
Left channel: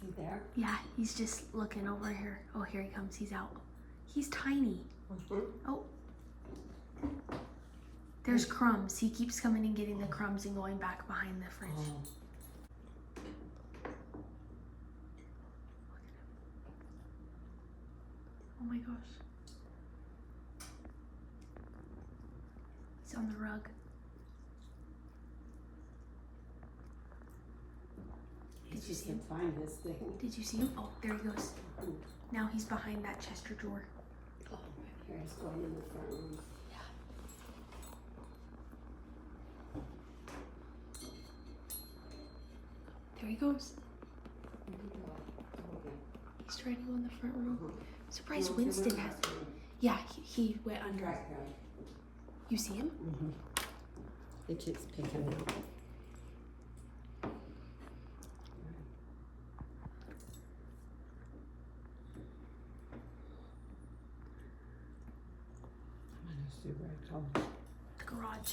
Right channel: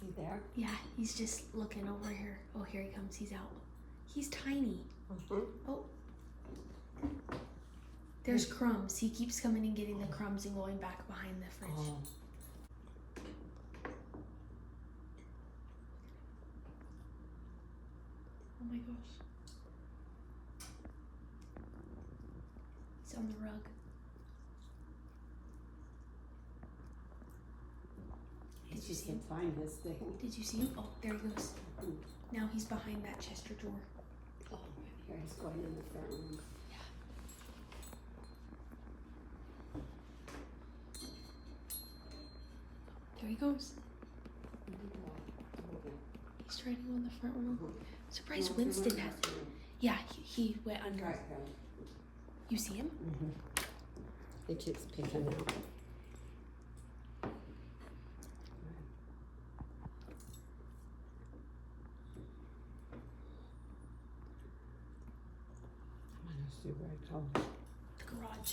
He there? Yeah, he's just looking over here. Oh, here he comes. He's out. He's tiny. Oh. There's crumbs. He keeps coming and getting the crumbs and going back behind the fridge. Oh. Oh my gosh. He's on the rug. He just can find his thing. Did you see him? Oh, there he goes. Now he's behind that Chester drawer. Oh, here he's going in the front room. Yeah. There he goes. He's trying to go in the front room. Surprised Winston has. Yeah, he went under. You see him? He keeps picking out. The garage.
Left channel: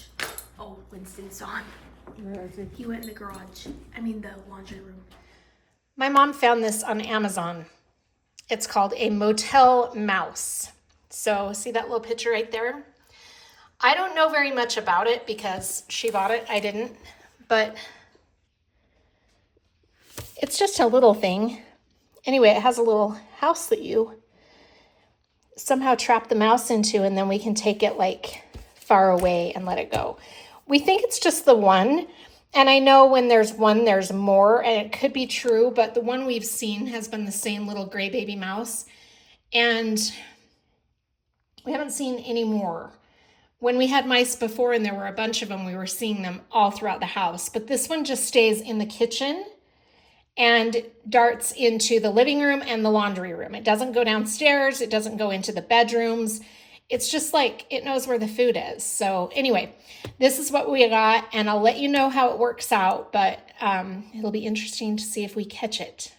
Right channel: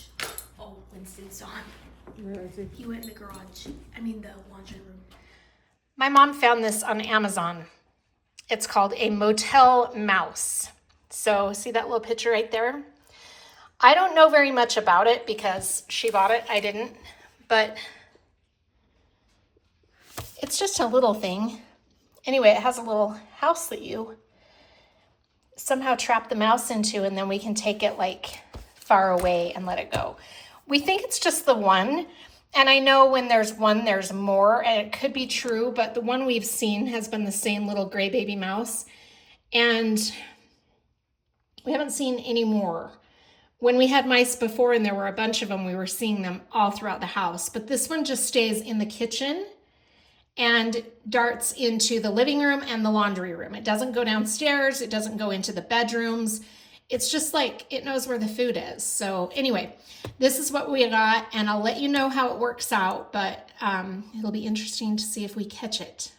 Oh, Winston's on. Where is he? He went in the garage. I mean the laundry room. My mom found this on Amazon. It's called a motel mouse. So see that little picture right there? I don't know very much about it because she bought it, I didn't, but it's just a little thing. Anyway, it has a little house that you somehow trap the mouse into, and then we can take it like far away and let it go. We think it's just the one, and I know when there's one, there's more, and it could be true, but the one we've seen has been the same little gray baby mouse, and we haven't seen any more. When we had mice before and there were a bunch of them, we were seeing them all throughout the house, but this one just stays in the kitchen and darts into the living room and the laundry room. It doesn't go downstairs. It doesn't go into the bedrooms. It's just like it knows where the food is. So anyway, this is what we got, and I'll let you know how it works out, but it'll be interesting to see if we catch it.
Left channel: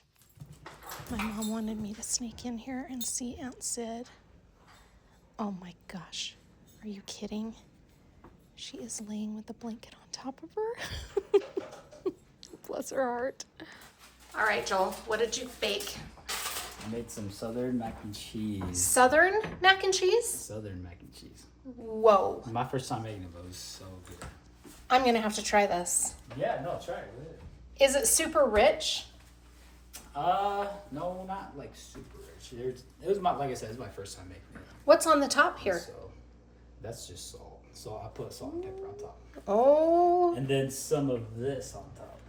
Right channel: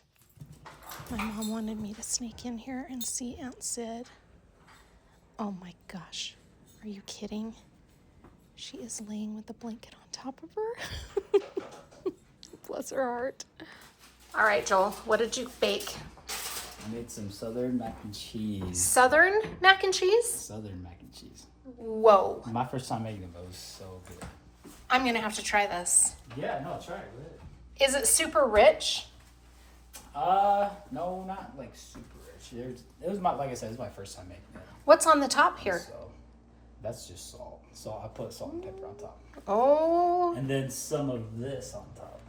My mom wanted me to sneak in here and see Aunt Sid. Oh my gosh, are you kidding? She is laying with the blanket on top of her. Bless her heart. All right, Joel, what did you bake? I made some southern mac and cheese. Southern mac and cheese? Southern mac and cheese. Whoa. My first time making them, it was so good. I'm gonna have to try this. Yeah, no, try it with it. Is it super rich? No, not like super rich. It was like I said, it was my first time making it. What's on the top here? So that's just salt. So I put salt and pepper on top. Oh. And then some of this on top.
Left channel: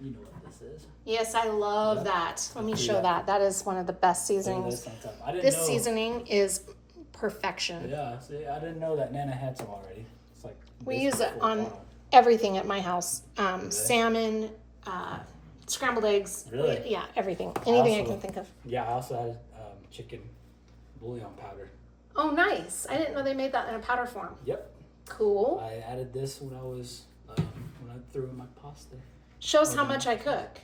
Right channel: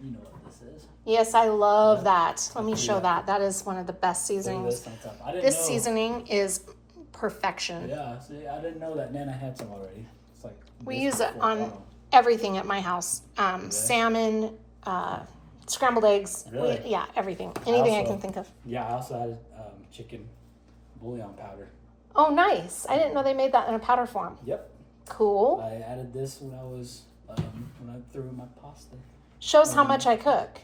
You know what this is. Yes, I love that. Let me show Yeah. that. That is one of the best Put seasonings. this on top. I didn't This know. seasoning is perfection. Yeah, see, I didn't know that Nana had some already. It's like We this use it before- on everything at my house. Salmon, scrambled eggs. Really? Yeah, everything. Anything I also- can think of. Yeah, I also had chicken bouillon powder. Oh, nice. I didn't know they made that in a powder form. Yep. Cool. I added this when I was when I threw in my pasta. Shows how much I cook.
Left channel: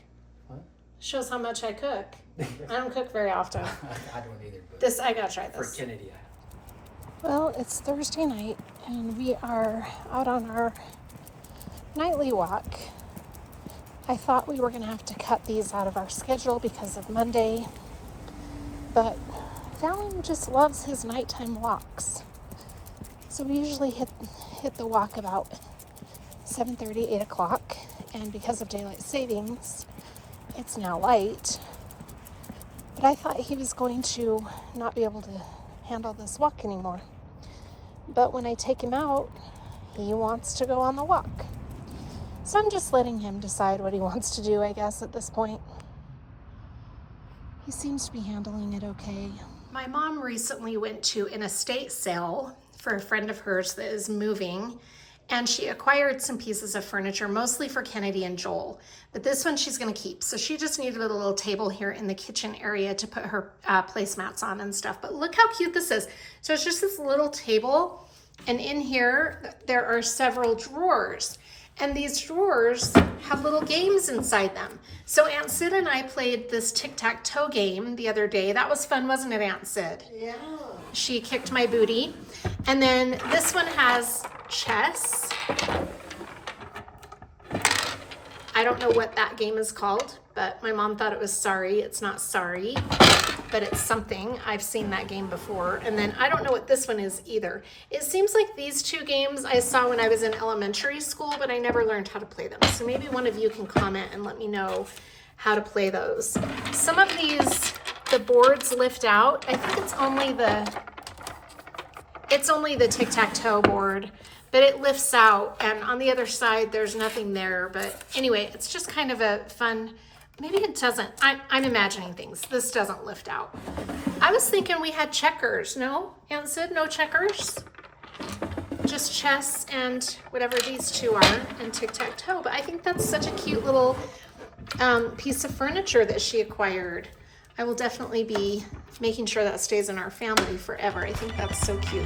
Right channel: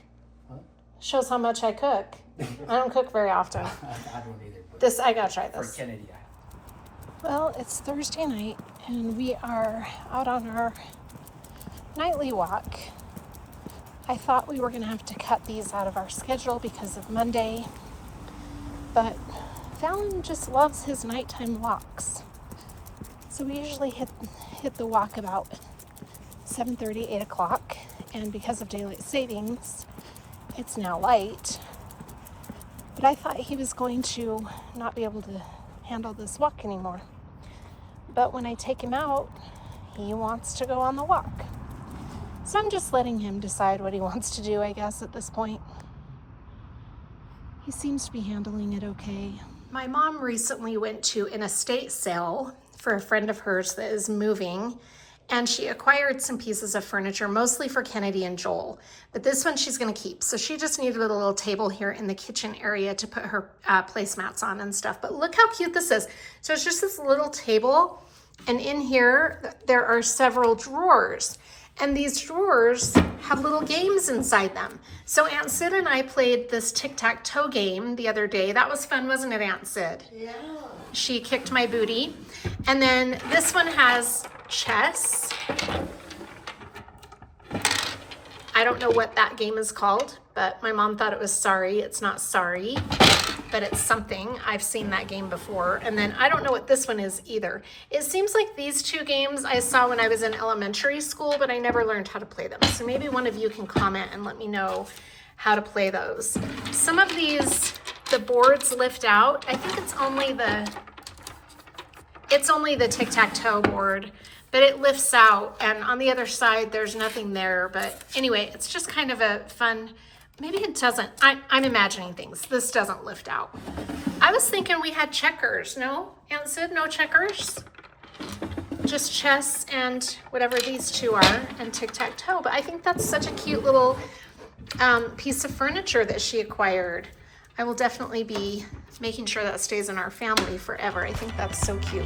Huh? Shows how much I cook. I don't cook very often. I don't either. But This, I gotta try for this. Kennedy, Well, it's Thursday night and we are out on our nightly walk. I thought we were going to have to cut these out of our schedule because of Monday, but Fallon just loves his nighttime walks. So we usually hit the walk about 7:30, 8 o'clock, and because of daylight savings, it's now light. But I thought he was going to not be able to handle this walk anymore. But when I take him out, he wants to go on the walk. So I'm just letting him decide what he wants to do, I guess, at this point. He seems to be handling it okay. My mom recently went to an estate sale for a friend of hers that is moving, and she acquired some pieces of furniture, mostly for Kennedy and Joel. But this one she's gonna keep. So she just needed a little table here in the kitchen area to put her placemats on and stuff. But look how cute this is. So it's just this little table, and in here, there are several drawers. And these drawers have little games inside them. So Aunt Sid and I played this tic-tac-toe game the other day. That was fun, wasn't it, Aunt Sid? Yeah. She kicked my booty. And then this one has chess. I don't know what that game is called, but my mom thought it was Sorry. It's not Sorry, but it's something. I've seen that game before. And then I don't know what this one is either. It seems like these two games I saw when I was in elementary school, but I never learned how to play them. So maybe one of you can comment and let me know how to play those. Some of these, the boards lift out. I think it's only the tic-tac-toe board, but it lifts out, and on the other side there's nothing there. But anyway, it's just kind of a fun, maybe it doesn't, I'm imagining things. This doesn't lift out. I was thinking we had checkers. No, Aunt Sid, no checkers? Just chess and whatever these two are, and tic-tac-toe. But I think that's such a cute little piece of furniture that she acquired. I will definitely be making sure that stays in our family forever. I think that's so cute.